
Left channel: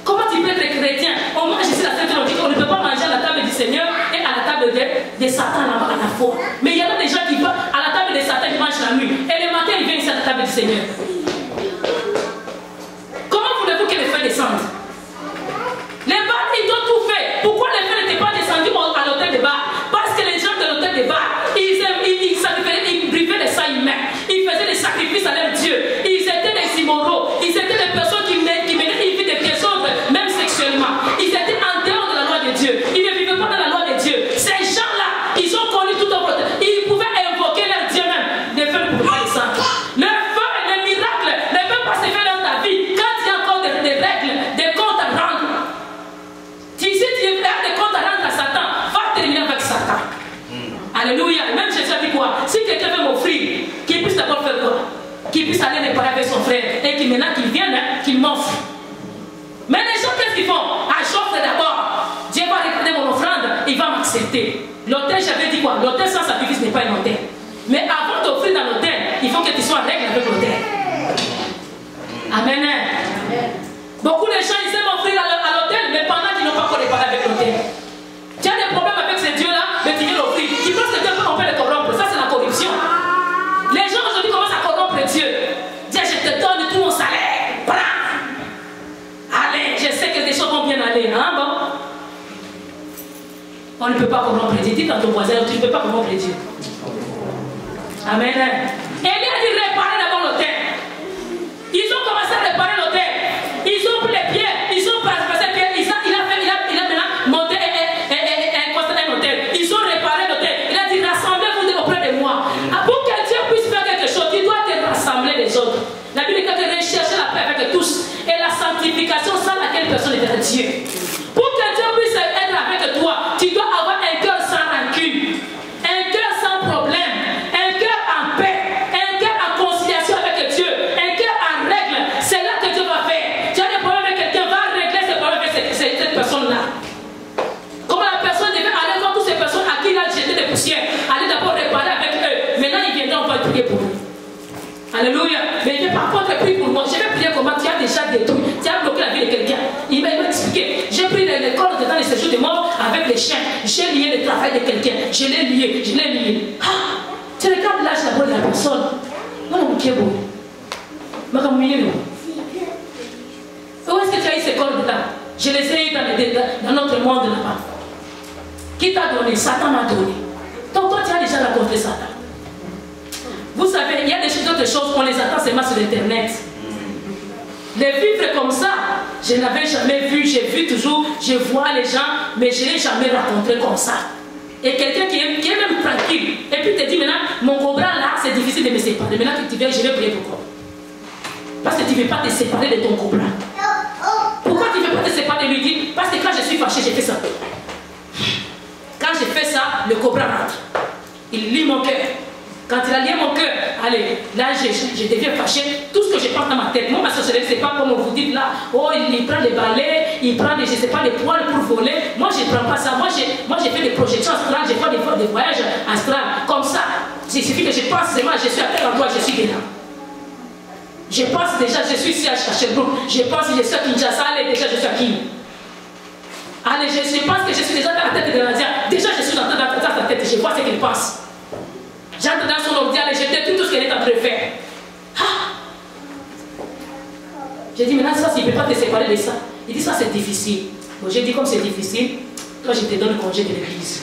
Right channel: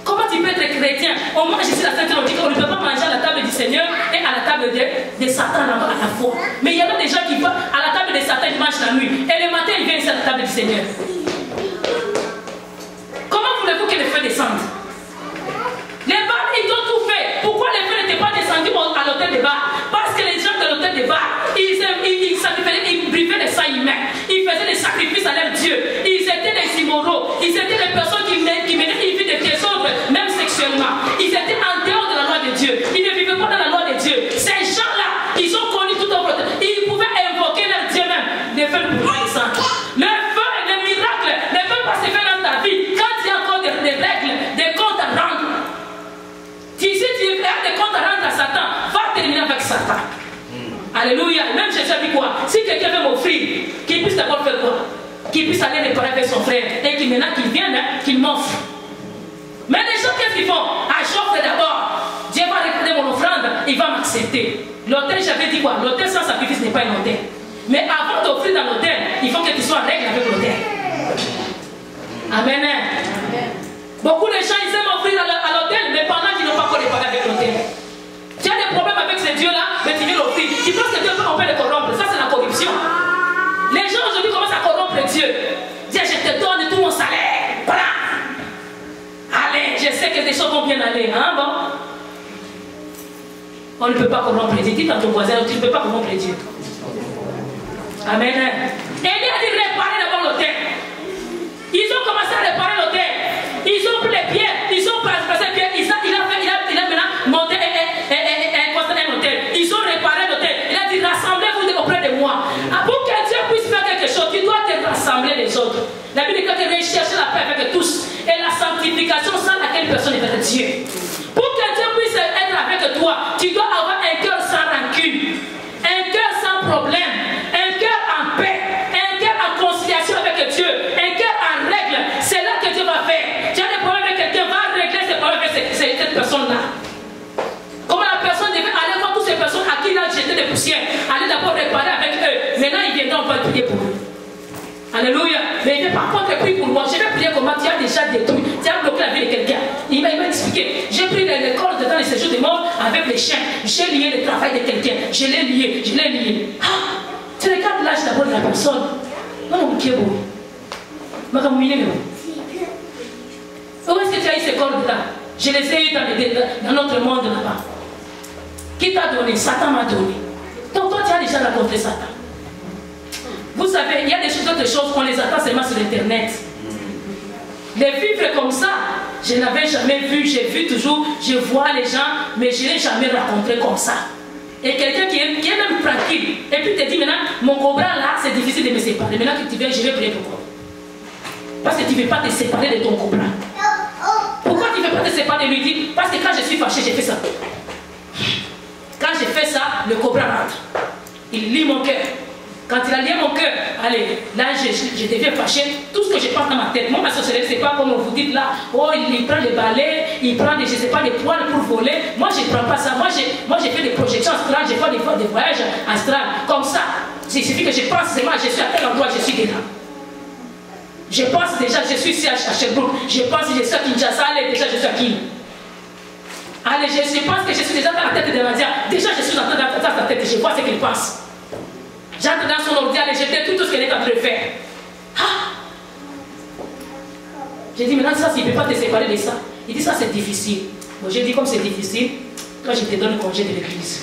Comment tu peux être chrétien? On mange ici la Sainte on dit qu'on ne peut pas manger à la table du Seigneur et à la table de Satan à la fois. Mais il y a des gens qui vont à la table de Satan, ils mangent la nuit. Et le matin, ils viennent ici à la table du Seigneur. Comment voulez-vous que le feu descende? Les bars, ils ont tout fait. Pourquoi le feu n'était pas descendu à l'hôtel de bar? Parce que les gens de l'hôtel de bar, ils brivaient les sangs humains. Ils faisaient des sacrifices à leur Dieu. Ils étaient des immoraux. Ils étaient des personnes qui menaient une vie de désordre, même sexuellement. Ils étaient en dehors de la loi de Dieu. Ils ne vivaient pas dans la loi de Dieu. Ces gens-là, ils ont connu tout au monde. Ils pouvaient invoquer leur Dieu même. Le feu ne pouvait pas descendre. Le feu, le miracle, ne peut pas se faire dans ta vie quand il y a encore des règles, des comptes à rendre. Si tu as des comptes à rendre à Satan, va terminer avec Satan. Alléluia. Même Jésus a dit quoi? Si quelqu'un veut m'offrir, qu'il puisse d'abord faire quoi? Qu'il puisse aller réparer avec son frère. Et qu'il maintenant qu'il vienne, qu'il m'offre. Mais les gens, qu'est-ce qu'ils font? J'offre d'abord. Dieu va regarder mon offrande, il va m'accepter. L'autel, j'avais dit quoi? L'autel sans sacrifice n'est pas un autel. Mais avant d'offrir dans l'autel, il faut que tu sois en règle avec l'autel. Amen. Amen. Beaucoup de gens, ils aiment offrir à l'autel, mais pendant qu'ils n'ont pas encore réparé avec l'autel. Tu as des problèmes avec ces dieux-là, mais tu viens l'offrir. Ils pensent que Dieu on peut les corrompre. Ça, c'est la corruption. Les gens aujourd'hui commencent à corrompre Dieu. Dieu, je te donne tout mon salaire. Prends. Allez, je sais que les choses vont bien aller. Hein, bon? On ne peut pas corrompre Dieu. Dis à ton voisin, tu ne peux pas corrompre Dieu. Amen. Et il a dit réparer d'abord l'autel. Ils ont commencé à réparer l'autel. Ils ont pris les pieds. Ils ont passé les pieds. Il a maintenant monté un hôtel. Ils ont réparé l'hôtel. Il a dit rassemblez-vous auprès de moi. Pour que Dieu puisse faire quelque chose, tu dois te rassembler les autres. La Bible dit que tu recherches la paix avec tous et la sanctification sans laquelle personne n'est vers Dieu. Pour que Dieu puisse être avec toi, tu dois avoir un cœur sans rancune, un cœur sans problème, un cœur en paix, un cœur en conciliation avec Dieu, un cœur en règle. C'est là que Dieu va faire. Tu as des problèmes avec quelqu'un, va régler ses problèmes avec cette personne-là. Comment la personne devait aller voir toutes ces personnes à qui il a jeté des poussières, aller d'abord réparer avec eux. Maintenant, il viendra, on va prier pour eux. Alléluia. Mais il n'est pas contre prier pour moi. Je vais prier comment tu as déjà détruit. Tu as bloqué la vie de quelqu'un. Il m'a expliqué. J'ai pris les corps dans les séjours des morts avec les chiens. J'ai lié le travail de quelqu'un. Je l'ai lié. Ah, tu regardes l'âge d'abord de la personne. Non, mon Dieu, bon. Où est-ce que tu as eu ces corps-là? Je les ai eu dans notre monde là-bas. Qui t'a donné? Satan m'a donné. Donc toi, tu as déjà rencontré Satan. Vous savez, il y a d'autres choses qu'on les attend seulement sur Internet. Les vivre comme ça, je n'avais jamais vu. J'ai vu toujours, je vois les gens, mais je ne l'ai jamais rencontré comme ça. Et quelqu'un qui est même tranquille. Et puis te dit maintenant, mon cobra là, c'est difficile de me séparer. Maintenant que tu viens, je vais prier pour toi. Parce que tu ne veux pas te séparer de ton cobra. Pourquoi tu ne veux pas te séparer de lui? Dit, parce que quand je suis fâché, j'ai fait ça. Quand je fais ça, le cobra rentre. Il lit mon cœur. Quand il a lié mon cœur, allez, là je deviens fâché. Tout ce que je pense dans ma tête, moi ma sorcellerie, c'est pas comme vous dites là, oh il prend les balais, il prend des, je sais pas, des poils pour voler. Moi je ne prends pas ça. Moi j'ai fait des projections astrales, j'ai fait des voyages astrales. Comme ça, il suffit que je pense seulement, je suis à tel endroit, je suis dedans. Je pense déjà, je suis ici à Sherbrooke. Je pense que je suis à Kinshasa, allez, déjà je suis à Kin. Allez, je pense que je suis déjà dans la tête de l'Indien. Déjà je suis dans sa tête, je vois ce qu'il pense. J'entre dans son ordi, et je détruis tout ce qu'elle est en train de faire. Ah. J'ai dit, maintenant, ça, il ne peut pas te séparer de ça. Il dit, ça, c'est difficile. Bon, j'ai dit, comme c'est difficile, toi, je te donne le congé de l'église.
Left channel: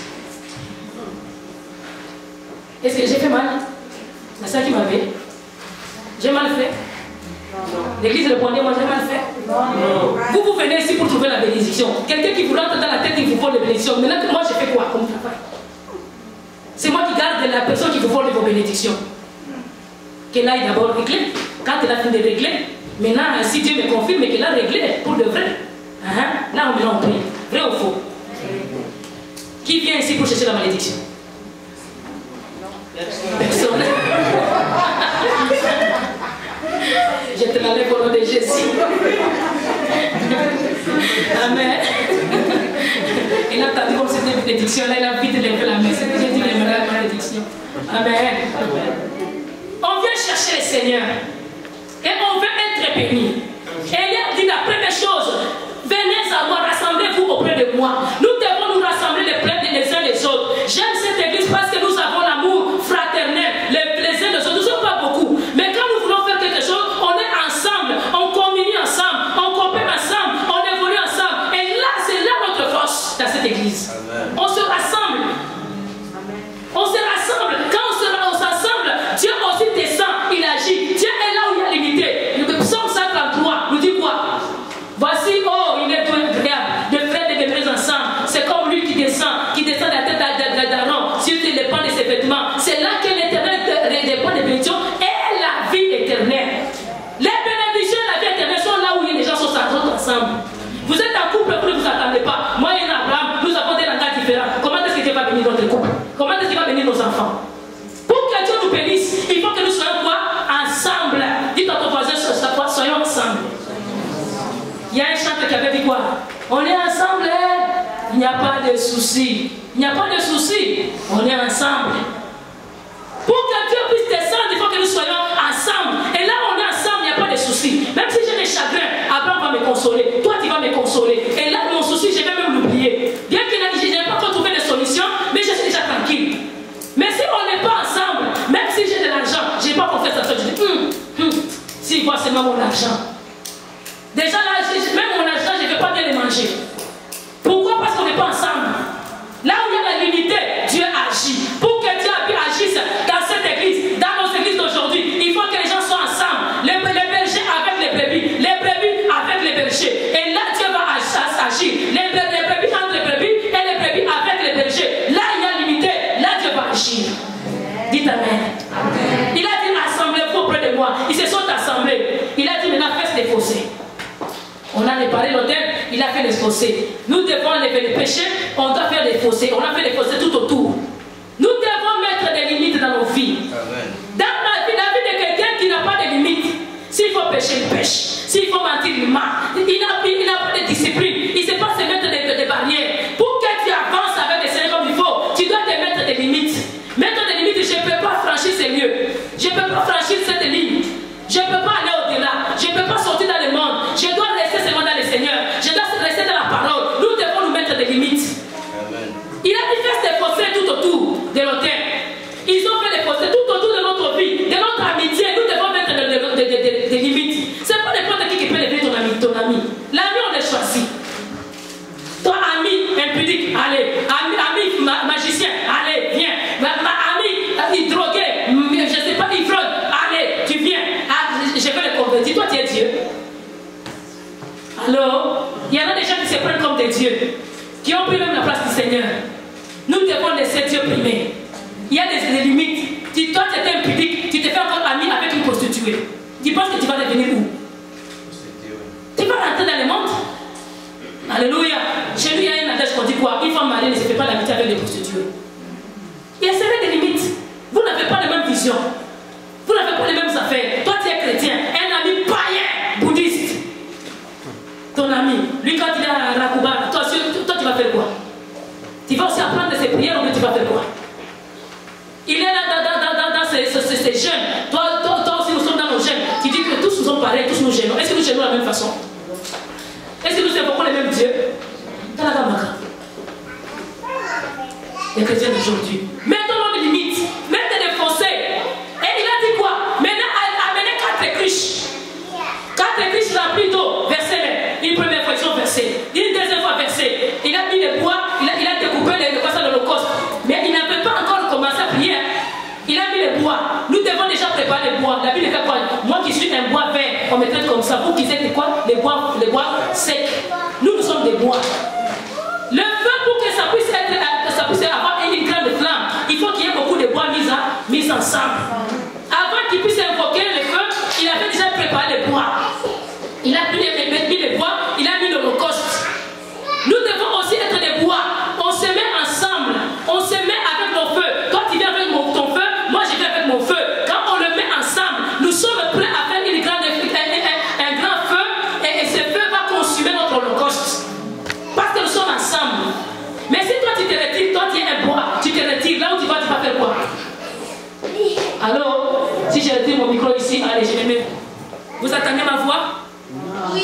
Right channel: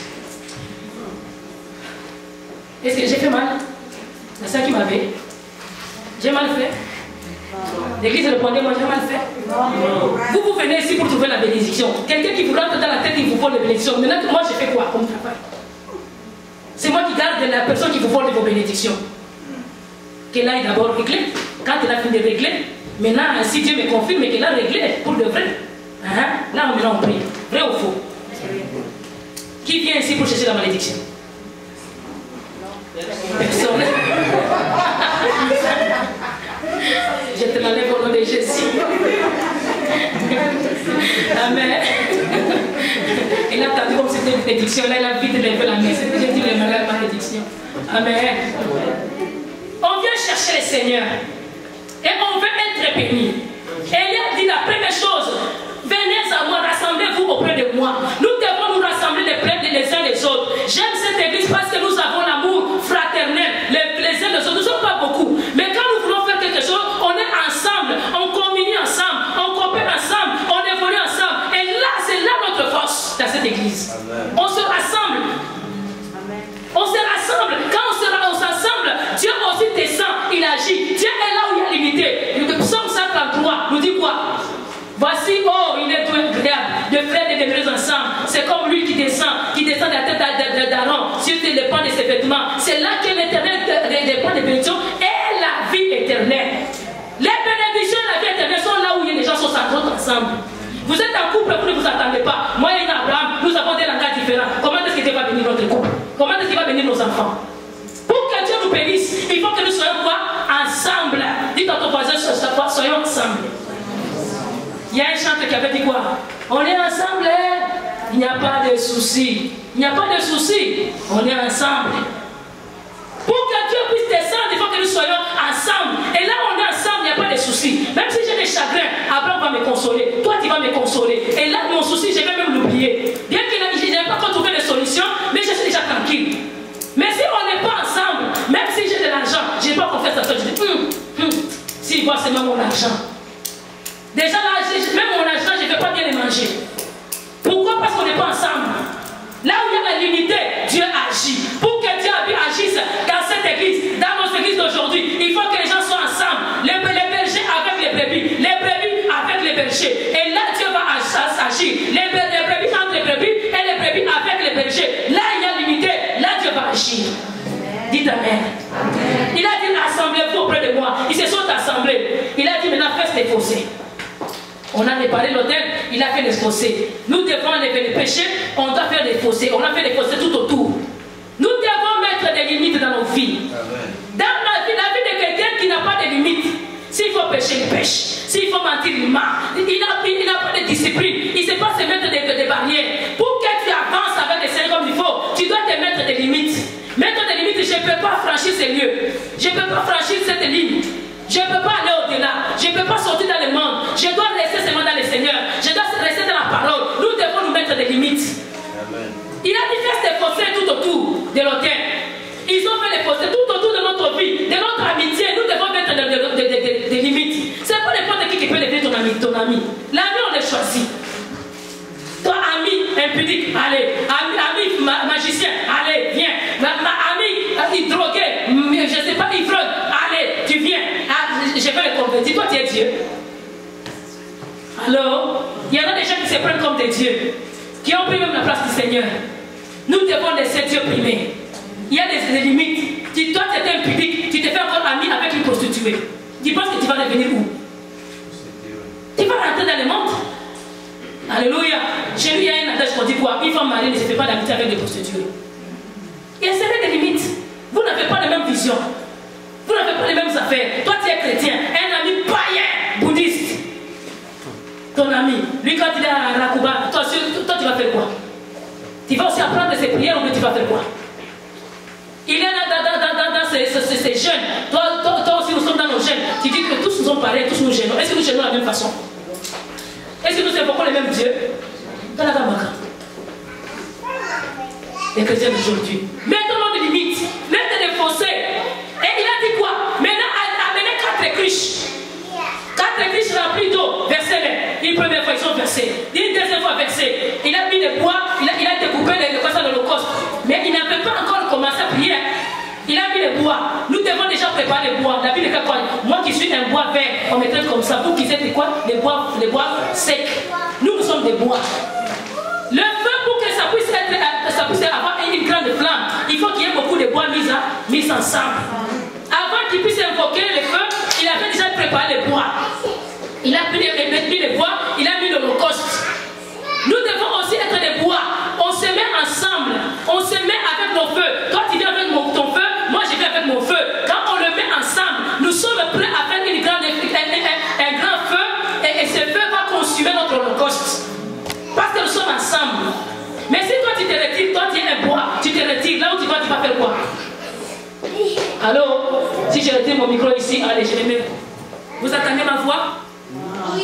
Est-ce que j'ai fait mal? C'est ça qui m'avait. J'ai mal fait? L'église répondait, moi, j'ai mal fait? Non. Vous venez ici pour trouver la bénédiction. Quelqu'un qui vous rentre dans la tête, il vous vole la bénédiction. Maintenant, moi, j'ai fait quoi comme travail? C'est moi qui garde la personne qui vous vole vos bénédictions. qu'elle aille d'abord régler. Quand elle a fini de régler, maintenant, si Dieu me confirme qu'elle a réglé pour de vrai, là on prie. Vrai ou faux? Qui vient ici pour chercher la malédiction? Personne. Je te l'enlève au nom de Jésus. Amen. Il a attendu comme c'était une bénédiction. Là, il a vite levé la main. C'est que j'ai dit la malédiction. Amen. On vient chercher le Seigneur. Et on veut être béni. Et il a dit la première chose. Venez à moi, rassemblez-vous auprès de moi. Nous devons nous rassembler les uns les autres. J'aime cette église parce que nous avons l'amour fraternel les uns les autres. Nous ne sommes pas beaucoup. Mais quand nous voulons faire quelque chose, on est ensemble, on communie ensemble, on coopère ensemble, on évolue ensemble. Et là, c'est là notre force dans cette église. Amen. On se rassemble. Amen. On se rassemble. Quand on s'assemble, Dieu aussi descend, il agit. Dieu est là où il y a l'unité. Le psaume 133 nous dit quoi? Voici, oh, il est tout incroyable, de frères et de frères ensemble. C'est comme lui qui descend de la tête d'Aaron sur les pans de ses vêtements. C'est là que l'Éternel dépend des bénédictions et la vie éternelle. Les bénédictions et la vie éternelle sont là où les gens sont ensemble. Vous êtes en couple, vous ne vous attendez pas. Moi et Abraham, nous avons des langages différents. Comment est-ce qu'il va bénir notre couple? Comment est-ce qu'il va bénir nos enfants? Pour que Dieu nous bénisse, il faut que nous soyons quoi? Ensemble. Dites à ton voisin, soyons ensemble. Il y a un chanteur qui avait dit quoi? On est ensemble, il n'y a pas de souci. Il n'y a pas de souci, on est ensemble. Pour que Dieu puisse descendre, il faut que nous soyons ensemble. Et là, on est ensemble, il n'y a pas de souci. Même si j'ai des chagrins, Abraham va me consoler. Toi, tu vas me consoler. Et là, mon souci, je vais même l'oublier. Bien que je n'ai pas encore trouvé de solution, mais je suis déjà tranquille. Mais si on n'est pas ensemble, même si j'ai de l'argent, je n'ai pas confiance à toi, je dis, s'il voit seulement mon argent. Déjà là, même mon argent, je ne vais pas bien les manger. Pourquoi? Parce qu'on n'est pas ensemble. Là où il y a la l'unité, Dieu agit. Pour que Dieu agisse dans cette église, dans nos églises d'aujourd'hui, il faut que les gens soient ensemble. Les bergers avec les brebis avec les bergers. Et là, Dieu va agir. Les brebis entre les brebis et les brebis avec les bergers. Là, il y a l'unité. Là, Dieu va agir. Dites Amen. Amen. Il a dit, assemblez-vous auprès de moi. Ils se sont assemblés. Il a dit, maintenant, faites les fossés. On a réparé l'autel, il a fait des fossés. Nous devons enlever les péchés, on doit faire des fossés. On a fait des fossés tout autour. Nous devons mettre des limites dans nos vies. Amen. Dans la vie de quelqu'un qui n'a pas de limites, s'il faut pécher, il pêche. S'il faut mentir, il ment. Il n'a pas de discipline. Il ne sait pas se mettre des barrières. Pour que tu avances avec les Seigneurs comme il faut, tu dois te mettre des limites. Mettre des limites, je ne peux pas franchir ces lieux. Je ne peux pas franchir cette ligne. Je ne peux pas aller au-delà. Je ne peux pas sortir dans le monde. Je dois rester seulement dans le Seigneur. Je dois rester dans la parole. Nous devons nous mettre des limites. Amen. Il a dit faire des fossés tout autour de l'autel. Ils ont fait des fossés tout autour de notre vie, de notre amitié. Nous devons mettre des limites. Ce n'est pas n'importe qui peut lever ton ami. L'ami, on le choisit. Toi, ami impudique, allez. Ami magicien, allez, viens. Ami drogué, je ne sais pas, ivrogne, allez, tu viens. Je vais le convertir. Toi, tu es Dieu. Alors, il y en a des gens qui se prennent comme des dieux, qui ont pris même la place du Seigneur. Nous devons laisser Dieu primer. Il y a des limites. Si toi, tu étais impudique, tu te fais encore ami avec une prostituée. Tu penses que tu vas devenir où? Tu vas rentrer dans le monde. Alléluia. Chez lui, il y a un adage qu'on dit quoi? Une femme mariée ne se fait pas d'amitié avec des prostituées. Il y a des limites. Vous n'avez pas la même vision. Vous n'avez pas les mêmes affaires. Toi, tu es chrétien. Un ami païen, bouddhiste. Ton ami, lui, quand il est à Rakuba, toi, tu vas faire quoi? Tu vas aussi apprendre ses prières ou tu vas faire quoi? Il est là dans ces jeunes. Toi aussi, nous sommes dans nos jeunes. Tu dis que tous nous sommes pareils, tous nous gênons. Est-ce que nous gênons de la même façon? Est-ce que nous invoquons les mêmes dieux? Dans la Gamaka. Les chrétiens d'aujourd'hui. Mettons-nous des limites. Mettez des fossés. Et il a dit quoi? Maintenant, amenez 4 cruches. 4 cruches remplies d'eau. Versez-les. Une première fois, ils sont versés. Une deuxième fois, versés. Il a mis des bois. Il a découpé les poissons de l'Holocauste. Mais il n'avait pas encore commencé à prier. Il a mis les bois. Nous devons déjà préparer les bois. La Bible fait quoi? Moi qui suis un bois vert, on mettrait comme ça. Vous qui êtes quoi? Les bois secs. Nous sommes des bois. Le feu, pour que ça puisse avoir une grande flamme, il faut qu'il y ait beaucoup de bois mis ensemble. Avant qu'il puisse invoquer déjà préparé les bois. Il a mis les bois, il a mis l'Holocauste. Nous devons aussi être des bois. On se met ensemble, on se met avec nos feux. Toi tu viens avec ton feu, moi je viens avec mon feu. Quand on le met ensemble, nous sommes prêts à faire un grand feu et ce feu va consumer notre Holocauste. Parce que nous sommes ensemble. Mais si toi tu te retires, toi tu es un bois, tu te retires, là où tu vas faire quoi? Alors, si je retire mon micro ici, allez, je le mets. Vous attendez ma voix?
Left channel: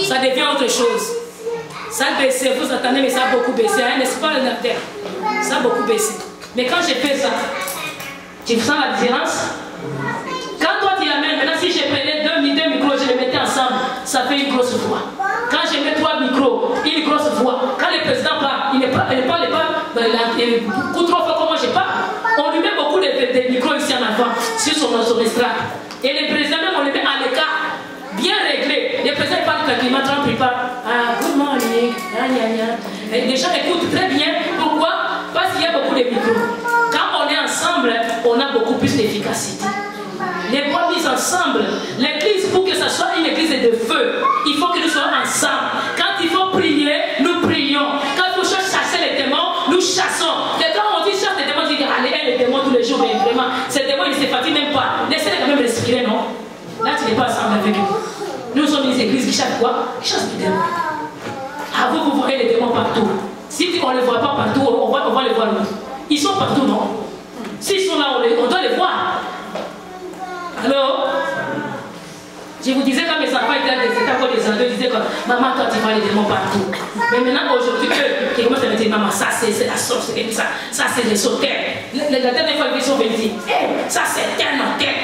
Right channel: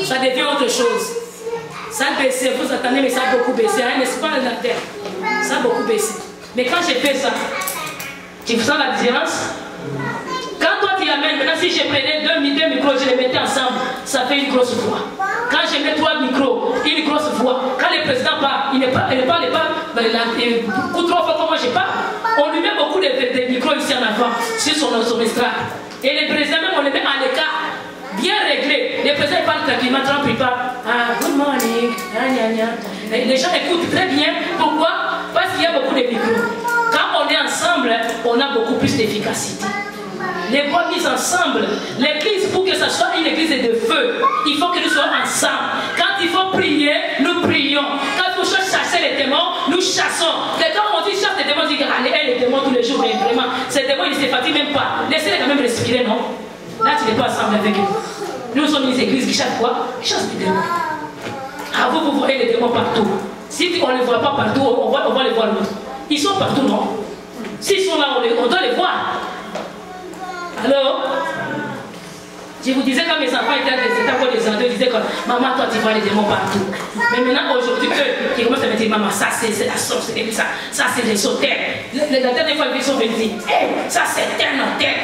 Ça devient autre chose. Ça a baissé, vous attendez, mais ça a beaucoup baissé, hein, n'est-ce pas le docteur? Ça a beaucoup baissé. Mais quand je fais ça, tu sens la différence? Quand toi tu l'amènes, maintenant si je prenais deux micros, je les mettais ensemble, ça fait une grosse voix. Quand je mets 3 micros, une grosse voix. Quand le président parle, il ne parle pas beaucoup trop fort comme moi je parle. On lui met beaucoup de micros ici en avant, sur son estrade. Et le président même, on le met à l'écart, bien réglé. Le président parle tranquillement, Trump il parle. Ah, good morning. Et les gens écoutent très bien. Pourquoi? Parce qu'il y a beaucoup de micros. Quand on est ensemble, on a beaucoup plus d'efficacité. Les bois mis ensemble, l'église, pour que ce soit une église de feu, il faut que nous soyons ensemble. Quand il faut prier, nous prions. Quand il faut chasser les démons, nous chassons. Quand on dit chasse les démons, on dit allez, les démons tous les jours, mais vraiment, ces démons, ils ne se fatiguent même pas. Laissez-les quand même respirer, non? Là, tu n'es pas ensemble avec eux. Nous sommes une église qui chasse quoi? Qui chasse les démons. Ah, vous voyez les démons partout. Si on ne les voit pas partout, on va les voir nous. Ils sont partout, non? S'ils sont là, on doit les voir. Alors, je vous disais quand mes enfants étaient encore des enfants, ils disaient que maman, toi tu vois les démons partout. Mais maintenant, aujourd'hui, eux, qui commencent à me dire, maman, ça c'est la sorcellerie, ça c'est des sauteurs. La dernière fois, ils sont venus dire, hey, ça c'est un hôtel.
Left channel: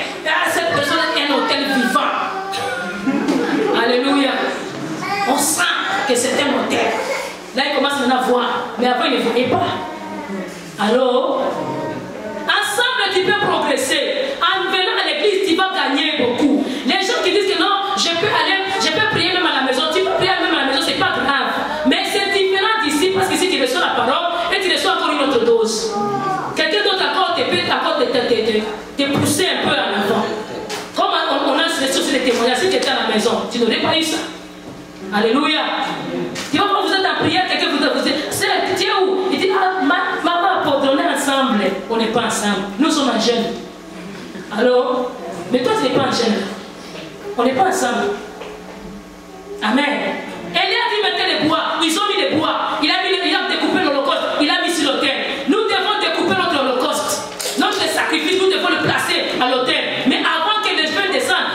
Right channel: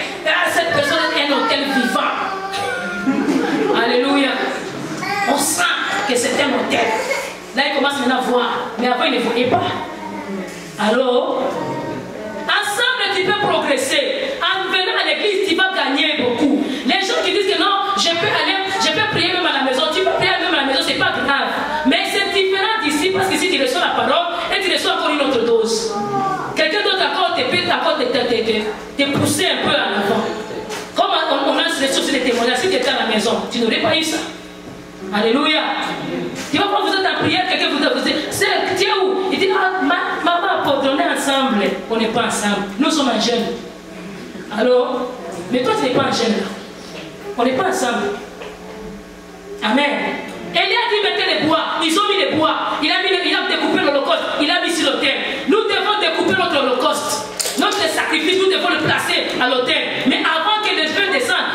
Cette personne est un hôtel vivant. Alléluia. On sent que c'est un hôtel. Là, ils commencent maintenant à voir, mais avant, ils ne voyaient pas. Alors, ensemble, tu peux progresser. En venant à l'église, tu vas gagner beaucoup. Les gens qui disent que non, je peux prier même à la maison. Tu peux prier même à la maison, c'est pas grave. Mais c'est différent d'ici parce qu'ici tu reçois la parole et tu reçois encore une autre dose. Quelqu'un d'autre encore te pousser un peu en avant. Comme on a sur les témoignages, si tu étais à la maison, tu n'aurais pas eu ça. Alléluia. Tu vois, quand vous êtes en prière, quelqu'un vous dit, tu es où? Il dit, ah, maman, on est ensemble. On n'est pas ensemble. Nous sommes en jeûne. Alors, mais toi, tu n'es pas en jeûne. On n'est pas ensemble. Amen. Elia dit mettez les bois. Ils ont mis les bois. Il a découpé l'Holocauste. Il a mis sur l'autel. Nous devons découper notre Holocauste. Notre sacrifice, nous devons le placer à l'autel. Mais avant que les feux descendent,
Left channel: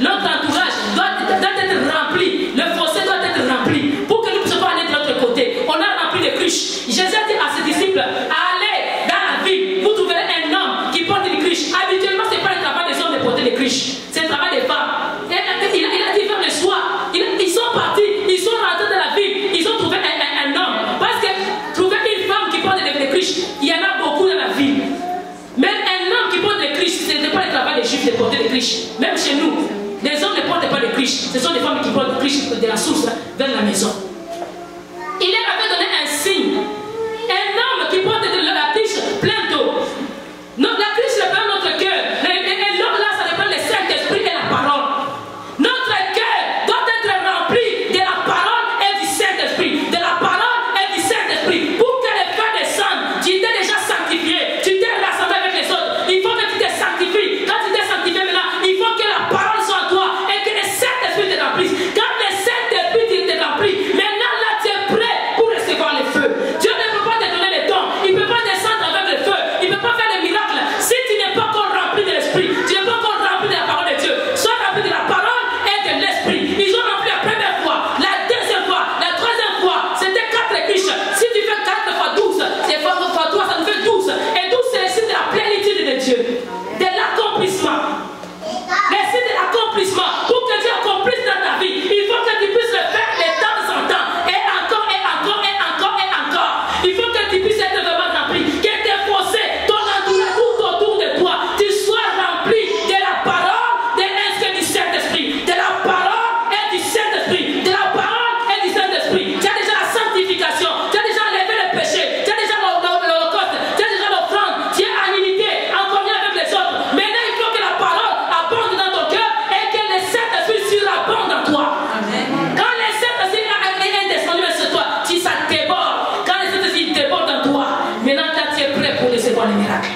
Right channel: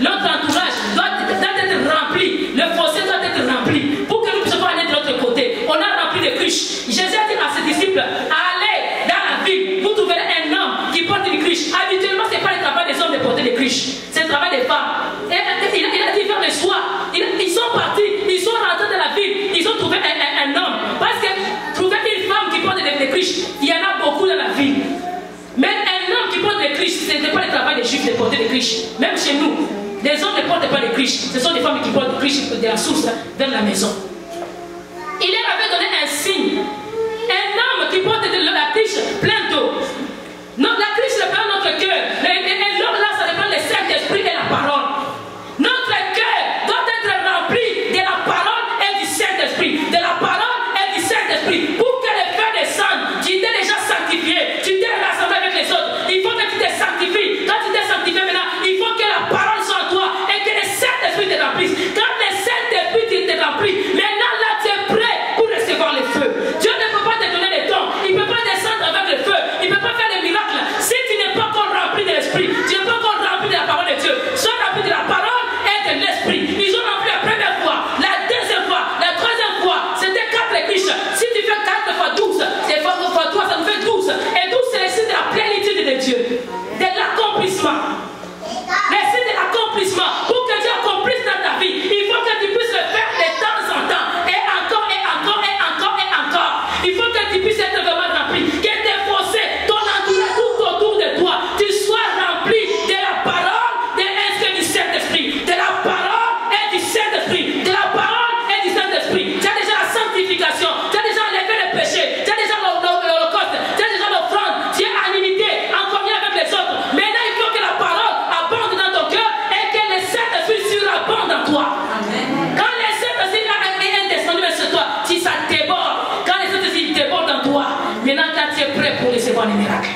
notre entourage doit être rempli. Le fossé doit être rempli. Pour que nous puissions aller de l'autre côté. On a rempli les cruches. Jésus a dit à ses disciples, allez dans la ville. Vous trouverez un homme qui porte des cruches. Habituellement, ce n'est pas le travail des hommes de porter des cruches. C'est le travail des femmes. Il a dit vers le soir. Ils sont partis. Ils sont rentrés dans la ville. Ils ont trouvé un homme. Parce que trouver une femme qui porte des cruches, il y en a beaucoup dans la ville. Mais un homme qui porte des cruches, ce n'est pas le travail des juifs de porter des cruches. Même chez nous, les hommes ne portent pas des cruches. Ce sont des femmes qui portent des cruches de la source vers la maison. Il leur avait donné un signe. Un homme qui porte de la cruche pleine d'eau. La cruche reprend notre cœur. Et l'homme là, ça reprend le Saint-Esprit et la parole. Notre cœur doit être rempli de la parole et du Saint-Esprit. De la parole et du Saint-Esprit. Pour que le feu descende, tu t'es déjà sanctifié. Tu t'es rassemblé avec les autres. Il faut que tu te sanctifies. Quand tu t'es sanctifié maintenant, il faut que la parole soit en toi et que le Saint-Esprit te remplisse. Quand le Saint-Esprit te remplit, mais Saint-Esprit surabonde dans toi. Quand le Saint-Esprit est descendu sur toi, si ça déborde, quand le Saint-Esprit déborde dans toi, maintenant là tu es prêt pour recevoir les miracles.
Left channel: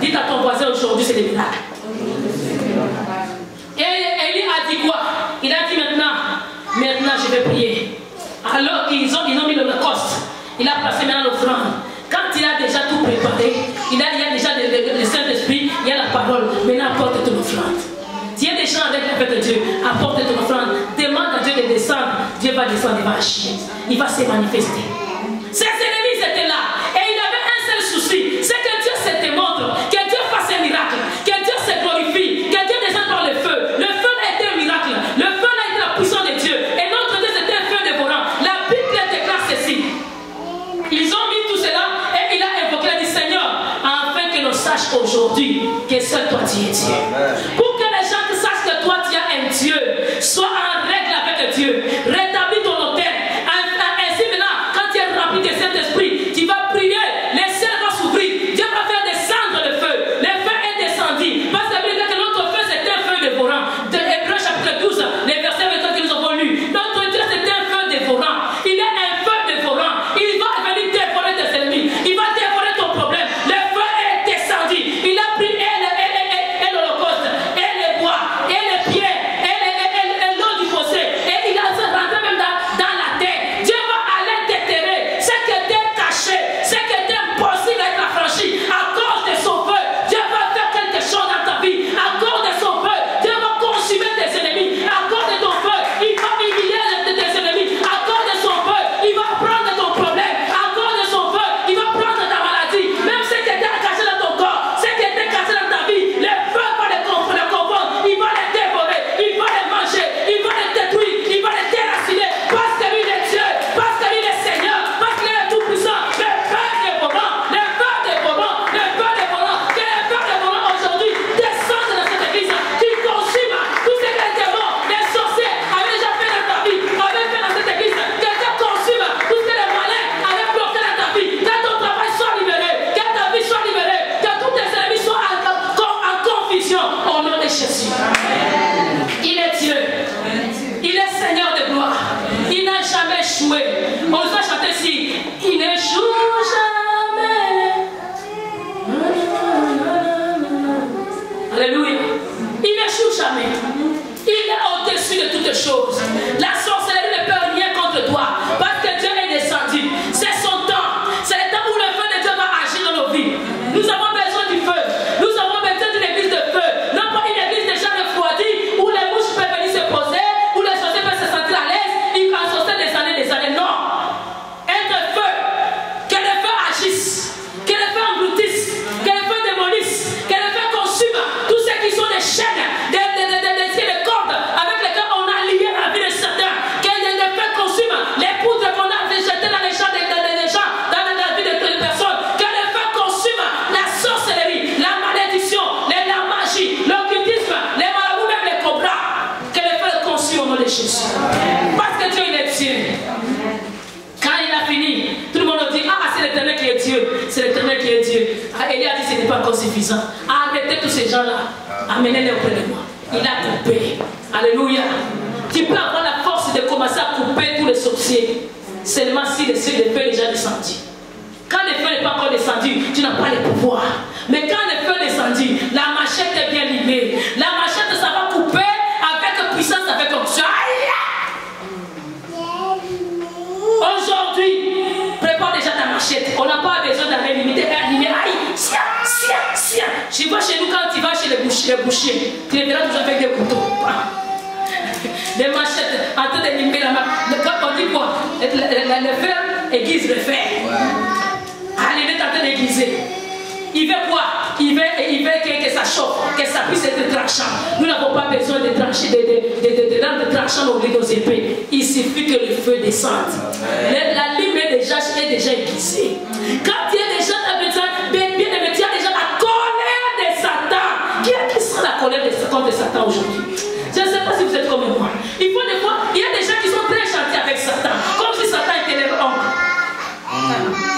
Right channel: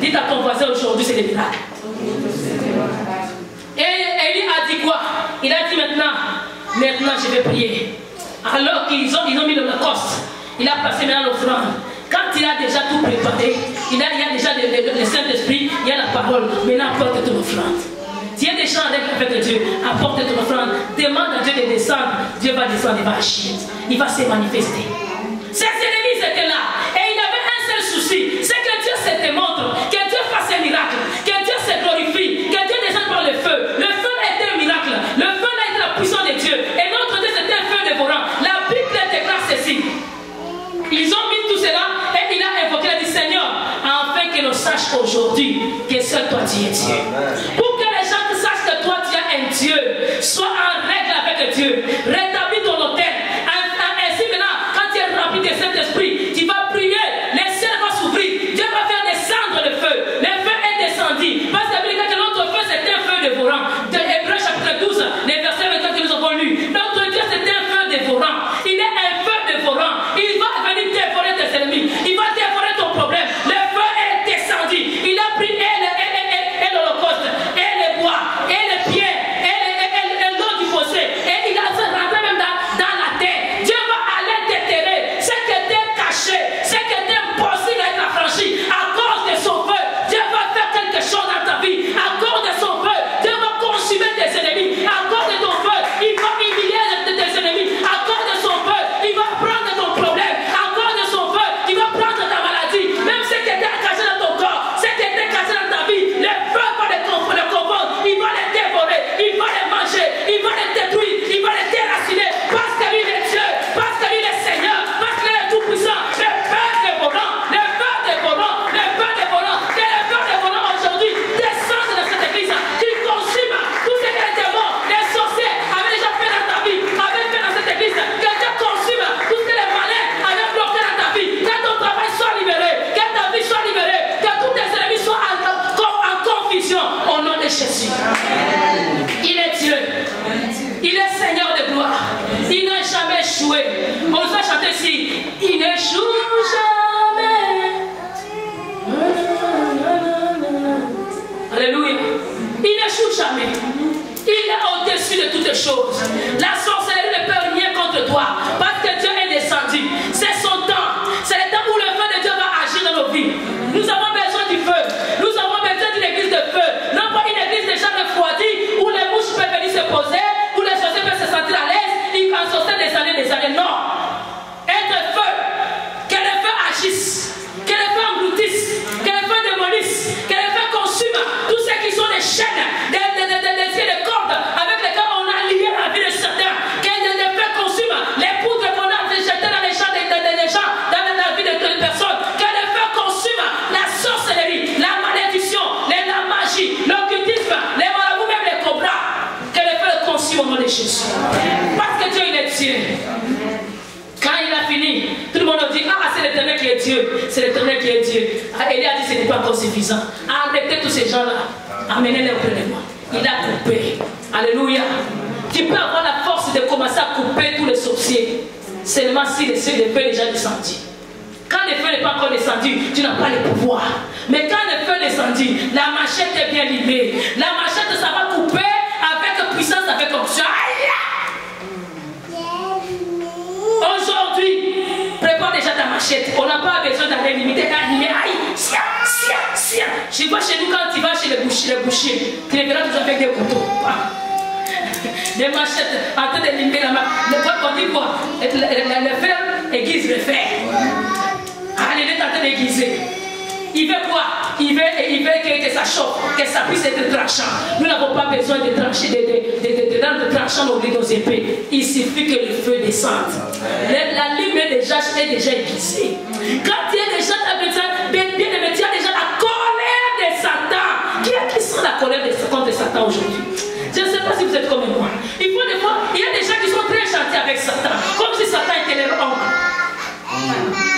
Dites à ton voisin aujourd'hui, c'est les miracles. Et Élie a dit quoi? Il a dit maintenant je vais prier. Alors qu'ils ont mis l'Holocauste, il a passé maintenant l'offrande. Quand il a déjà tout préparé, il y a déjà le Saint-Esprit, il y a la parole. Maintenant apporte ton offrande. Si il y a des gens avec Dieu, apporte ton offrande. Demande à Dieu de descendre. Dieu va descendre, il va agir. Il va se manifester. Ses ennemis étaient là. Et il avait un seul souci. C'est que Dieu se démontre. Que Dieu fasse un miracle. Que Dieu se glorifie. Que Dieu descende par le feu. Le feu a été un miracle. Le feu a été la puissance de Dieu. Et notre Dieu c'était un feu dévorant. La Bible déclare ceci. Ils ont mis tout cela et il a invoqué, il a dit Seigneur, afin que nous sachions aujourd'hui que seul toi tu es Dieu. Pour que les gens sachent que toi tu es un Dieu, sois en règle avec Dieu, rétablis ton hôtel. Ainsi maintenant, quand tu es rempli de Saint-Esprit, tu vas prier, les ciels vont s'ouvrir, Dieu va faire descendre le feu. Le feu est descendu. Parce que notre feu c'était un feu dévorant. De Hébreux chapitre 12, les versets 22 que nous avons lus. Notre Dieu c'était un feu dévorant. Il est un feu dévorant. Il va venir dévorer tes ennemis. Il va dévorer ton problème. Le feu est descendu. Il a pris l'Holocauste, et les bois, et les pierres, et l'eau du fossé. Et il a rentré même dans la terre. Dieu va aller déterrer ce qui était caché, ce qui était impossible à être affranchi. À cause de son feu, Dieu va faire quelque chose dans ta vie. À cause de son feu, Dieu va consumer tes ennemis. À cause de ton feu, il va humilier tes ennemis. À cause de son feu, il va prendre ton problème. À cause de son feu, il va prendre ta maladie. Même ce qui était caché dans ton corps, ce qui était caché dans ta vie, le feu va les confondre. Il va les dévorer, il va les manger, il va les détruire, il va les déraciner. Parce que lui est Dieu, parce que lui est Seigneur, parce qu'il est tout puissant. Le feu dévorant, le feu dévorant, le feu dévorant. Que le feu dévorant aujourd'hui descende dans cette église. Tu consumes tout ce que les démons, les sorciers avaient déjà fait dans ta vie, avaient fait dans cette église. Que Dieu consume tout ce que les malins avaient bloqué dans ta vie. Que ton travail soit libéré, que ta vie soit libérée, que tous tes ennemis soient en confusion au nom de Jésus. Il est Dieu. Il est Seigneur de gloire. Il n'a jamais échoué. On va chanter ici. Il n'échoue jamais. Alléluia. Il n'échoue jamais. Il est au-dessus de toutes choses. La sorcellerie ne peut rien contre toi. Parce que Dieu est descendu. C'est son temps. C'est le temps où le feu de Dieu va agir dans nos vies. Nous avons besoin du feu. Nous avons besoin d'une église de feu. Non pas une église déjà refroidie où les mouches peuvent venir se poser, où les sorciers peuvent se sentir à l'aise. Ils vont sortir des années. Non. Être feu. Que le feu agisse. Que le feu engloutisse. Que le feu démolisse. Que le feu consume tous ceux qui sont des chaînes, des cordes avec lesquelles on a lié la vie de certains. Que le feu consume les poudres qu'on a jetées dans les champs dans la vie de personnes. Que le feu consume la sorcellerie, la malédiction, la magie, l'occultisme, les marabouts, même les cobras. Que le feu consume au nom de Jésus. Parce que Dieu il est Dieu. Quand il a fini, tout le monde dit ah c'est l'Éternel qui est Dieu. C'est l'Éternel qui est Dieu. Élie a dit ce n'est pas encore suffisant. Arrêtez tous ces gens-là. Amenez-les auprès de moi. Il a coupé. Alléluia. Tu peux avoir la force de commencer à couper tous les sorciers. Seulement si le feu est déjà descendu. Quand le feu n'est pas encore descendu, tu n'as pas le pouvoir. Mais quand le feu est descendu, la machette est bien limée. La machette, ça va couper avec puissance, avec onction. Aujourd'hui, prépare déjà ta machette. On n'a pas besoin d'aller limiter. Aïe, sia. Je vois chez nous quand tu vas chez les bouchers, tu les verras toujours avec des couteaux. Des machettes en train de limiter la main. On dit quoi? Le fer aiguise le fer. Allez, il est en train d'aiguiser. Il veut quoi? Il veut que ça chauffe, que ça puisse être tranchant. Nous n'avons pas besoin de trancher, de rendre tranchant nos épées. Il suffit que le feu descende. La lime est déjà aiguisée. Quand il y a déjà bien aimé, tu as déjà la colère de Satan. Qui sent la colère contre Satan aujourd'hui? Je ne sais pas si vous êtes comme moi. Il faut des fois, il y a des gens qui sont très gentils avec Satan, comme si Satan était leur oncle.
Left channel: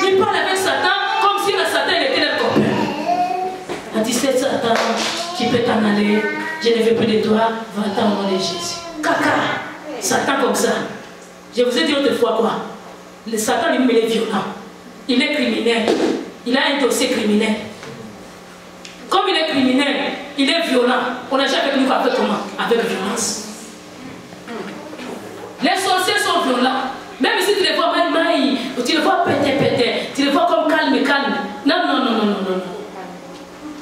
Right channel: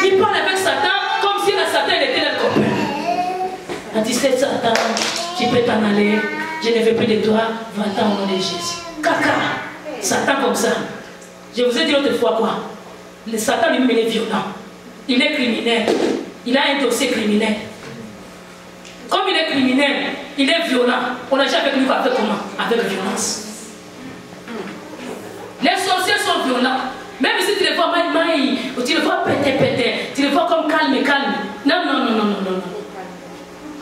Ils parlent avec Satan comme si Satan était leur copain. On dit, c'est Satan, tu peux t'en aller, je ne veux plus de toi, va-t'en au nom de Jésus. Caca. Satan comme ça. Je vous ai dit l'autre fois quoi? Le Satan lui-même il est violent. Il est criminel. Il a un dossier criminel. Comme il est criminel, il est violent. On agit avec lui avec comment? Avec violence. Les sorciers sont violents. Même si tu les vois maï, tu les vois péter, tu les vois comme calme. Non.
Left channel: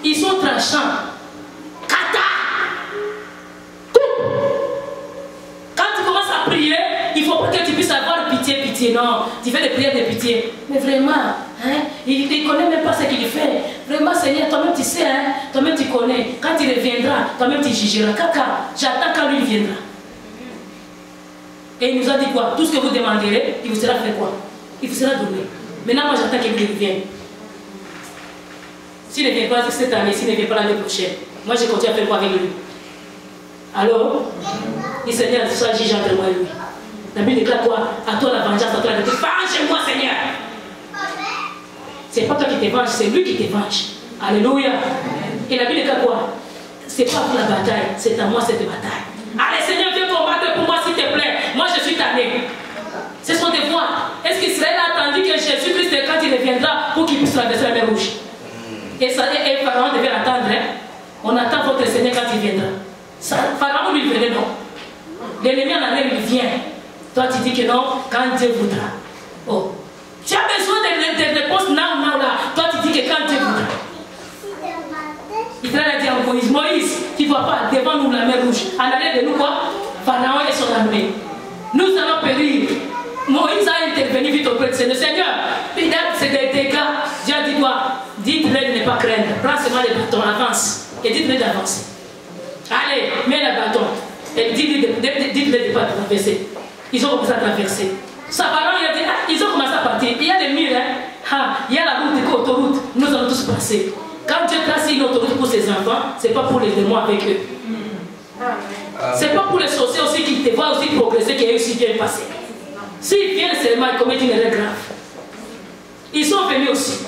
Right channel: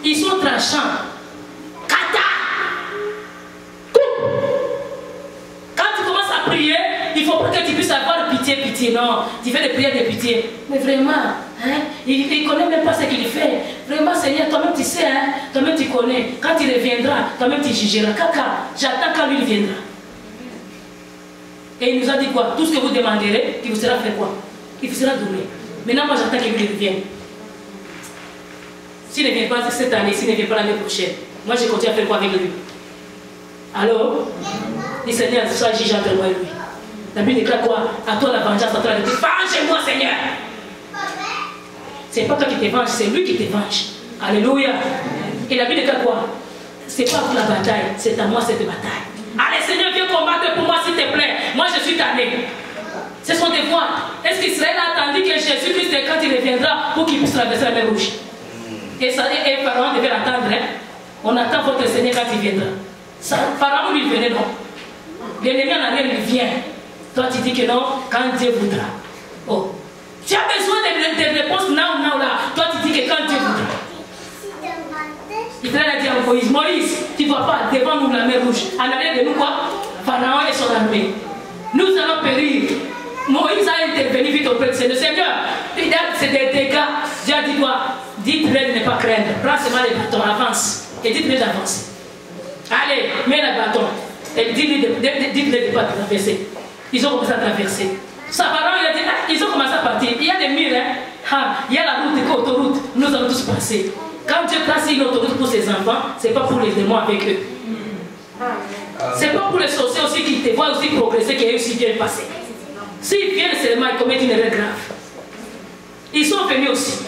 Ils sont tranchants. Kata. Quand tu commences à prier, il ne faut pas que tu puisses avoir pitié. Non, tu fais des prières de pitié. Mais vraiment, hein, il ne connaît même pas ce qu'il fait. Vraiment, Seigneur, toi-même tu sais, hein, toi-même tu connais. Quand il reviendra, toi-même tu jugeras. Kaka, j'attends quand lui viendra. Et il nous a dit quoi? Tout ce que vous demanderez, il vous sera fait quoi? Il vous sera donné. Maintenant, moi j'attends qu'il revienne. S'il ne vient pas cette année, s'il ne vient pas l'année prochaine, moi je continue à faire quoi avec lui? Alors, le Seigneur soit juge entre moi et lui. La Bible déclare quoi? À toi la vengeance, à toi la vérité. Venge-moi, Seigneur! C'est pas toi qui te venge, c'est lui qui te venge. Alléluia! Et la Bible déclare quoi? C'est pas pour la bataille, c'est à moi cette bataille. Allez, Seigneur, viens combattre pour moi, s'il te plaît. Moi, je suis tanné. C'est son devoir. Est-ce qu'Israël a attendu que Jésus-Christ, quand il reviendra, pour qu'il puisse traverser la mer Rouge? Et Pharaon devait l'attendre. Hein? On attend votre Seigneur quand il viendra. Pharaon lui venait, non. L'ennemi en arrière, il vient. Toi, tu dis que non, quand Dieu voudra. Oh. Tu as besoin de réponses now, là. Toi, tu dis que quand Dieu voudra. Israël a dit à Moïse, tu ne vois pas devant nous la mer Rouge. En arrière de nous, quoi? Pharaon et son armée. Nous allons périr. Moïse a intervenu vite auprès du Seigneur. Seigneur, c'est des dégâts. Dieu a dit quoi? Dites-le de ne pas craindre. Prends seulement les bâtons, avance. Et dites-le d'avancer. Allez, mets le bâton. Et dites-le de ne pas traverser. Ils ont commencé à traverser. Pharaon, il a dit, ils ont commencé à partir. Il y a des murs, hein? Il y a la route, l'autoroute. Nous allons tous passer. Quand Dieu place une autoroute pour ses enfants, ce n'est pas pour les démons avec eux. Ce n'est pas pour les sorciers aussi qui te voient aussi progresser, qu'ils aussi viennent passer. S'ils viennent seulement, ils commettent une erreur grave. Ils sont venus aussi.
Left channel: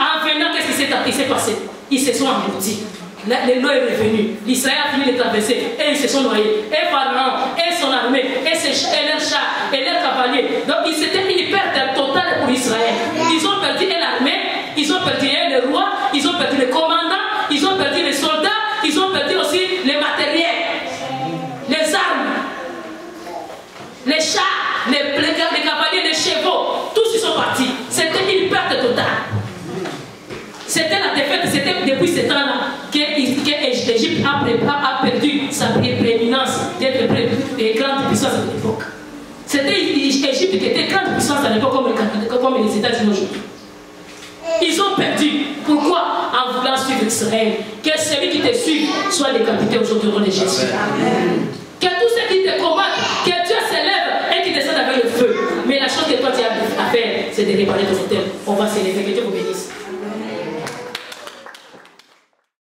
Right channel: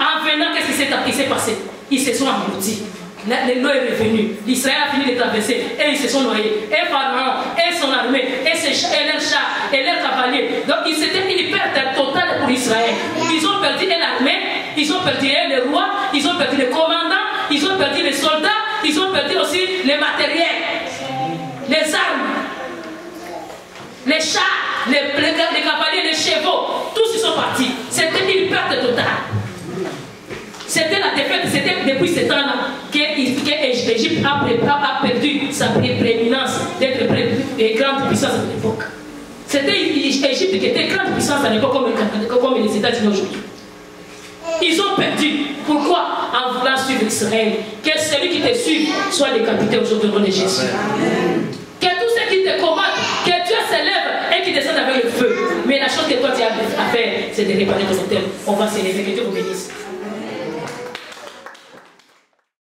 En venant, qu'est-ce qui s'est passé? Ils se sont engloutis. L'eau est revenue. L'Israël a fini de traverser. Et ils se sont noyés. Et Pharaon, et son armée, et leurs chars, et leurs cavaliers. Donc c'était une perte totale pour Israël. Ils ont perdu l'armée, ils ont perdu le roi, ils ont perdu les commandants, ils ont perdu les soldats, ils ont perdu aussi les matériels, les armes, les chars, les cavaliers, les chevaux. Tous ils sont partis. C'était une perte totale. C'était la défaite, c'était depuis ce temps-là que l'Égypte a perdu sa prééminence d'être grande puissance à l'époque. C'était l'Égypte qui était grande puissance à l'époque comme les États-Unis aujourd'hui. Ils ont perdu. Pourquoi? En voulant suivre Israël. Que celui qui te suit soit décapité aujourd'hui au nom de Jésus. Que tous ceux qui te combattent, que Dieu s'élève et qui descende avec le feu. Mais la chose que toi tu as à faire, c'est de réparer ton hôtel. On va s'élever. Que Dieu vous bénisse.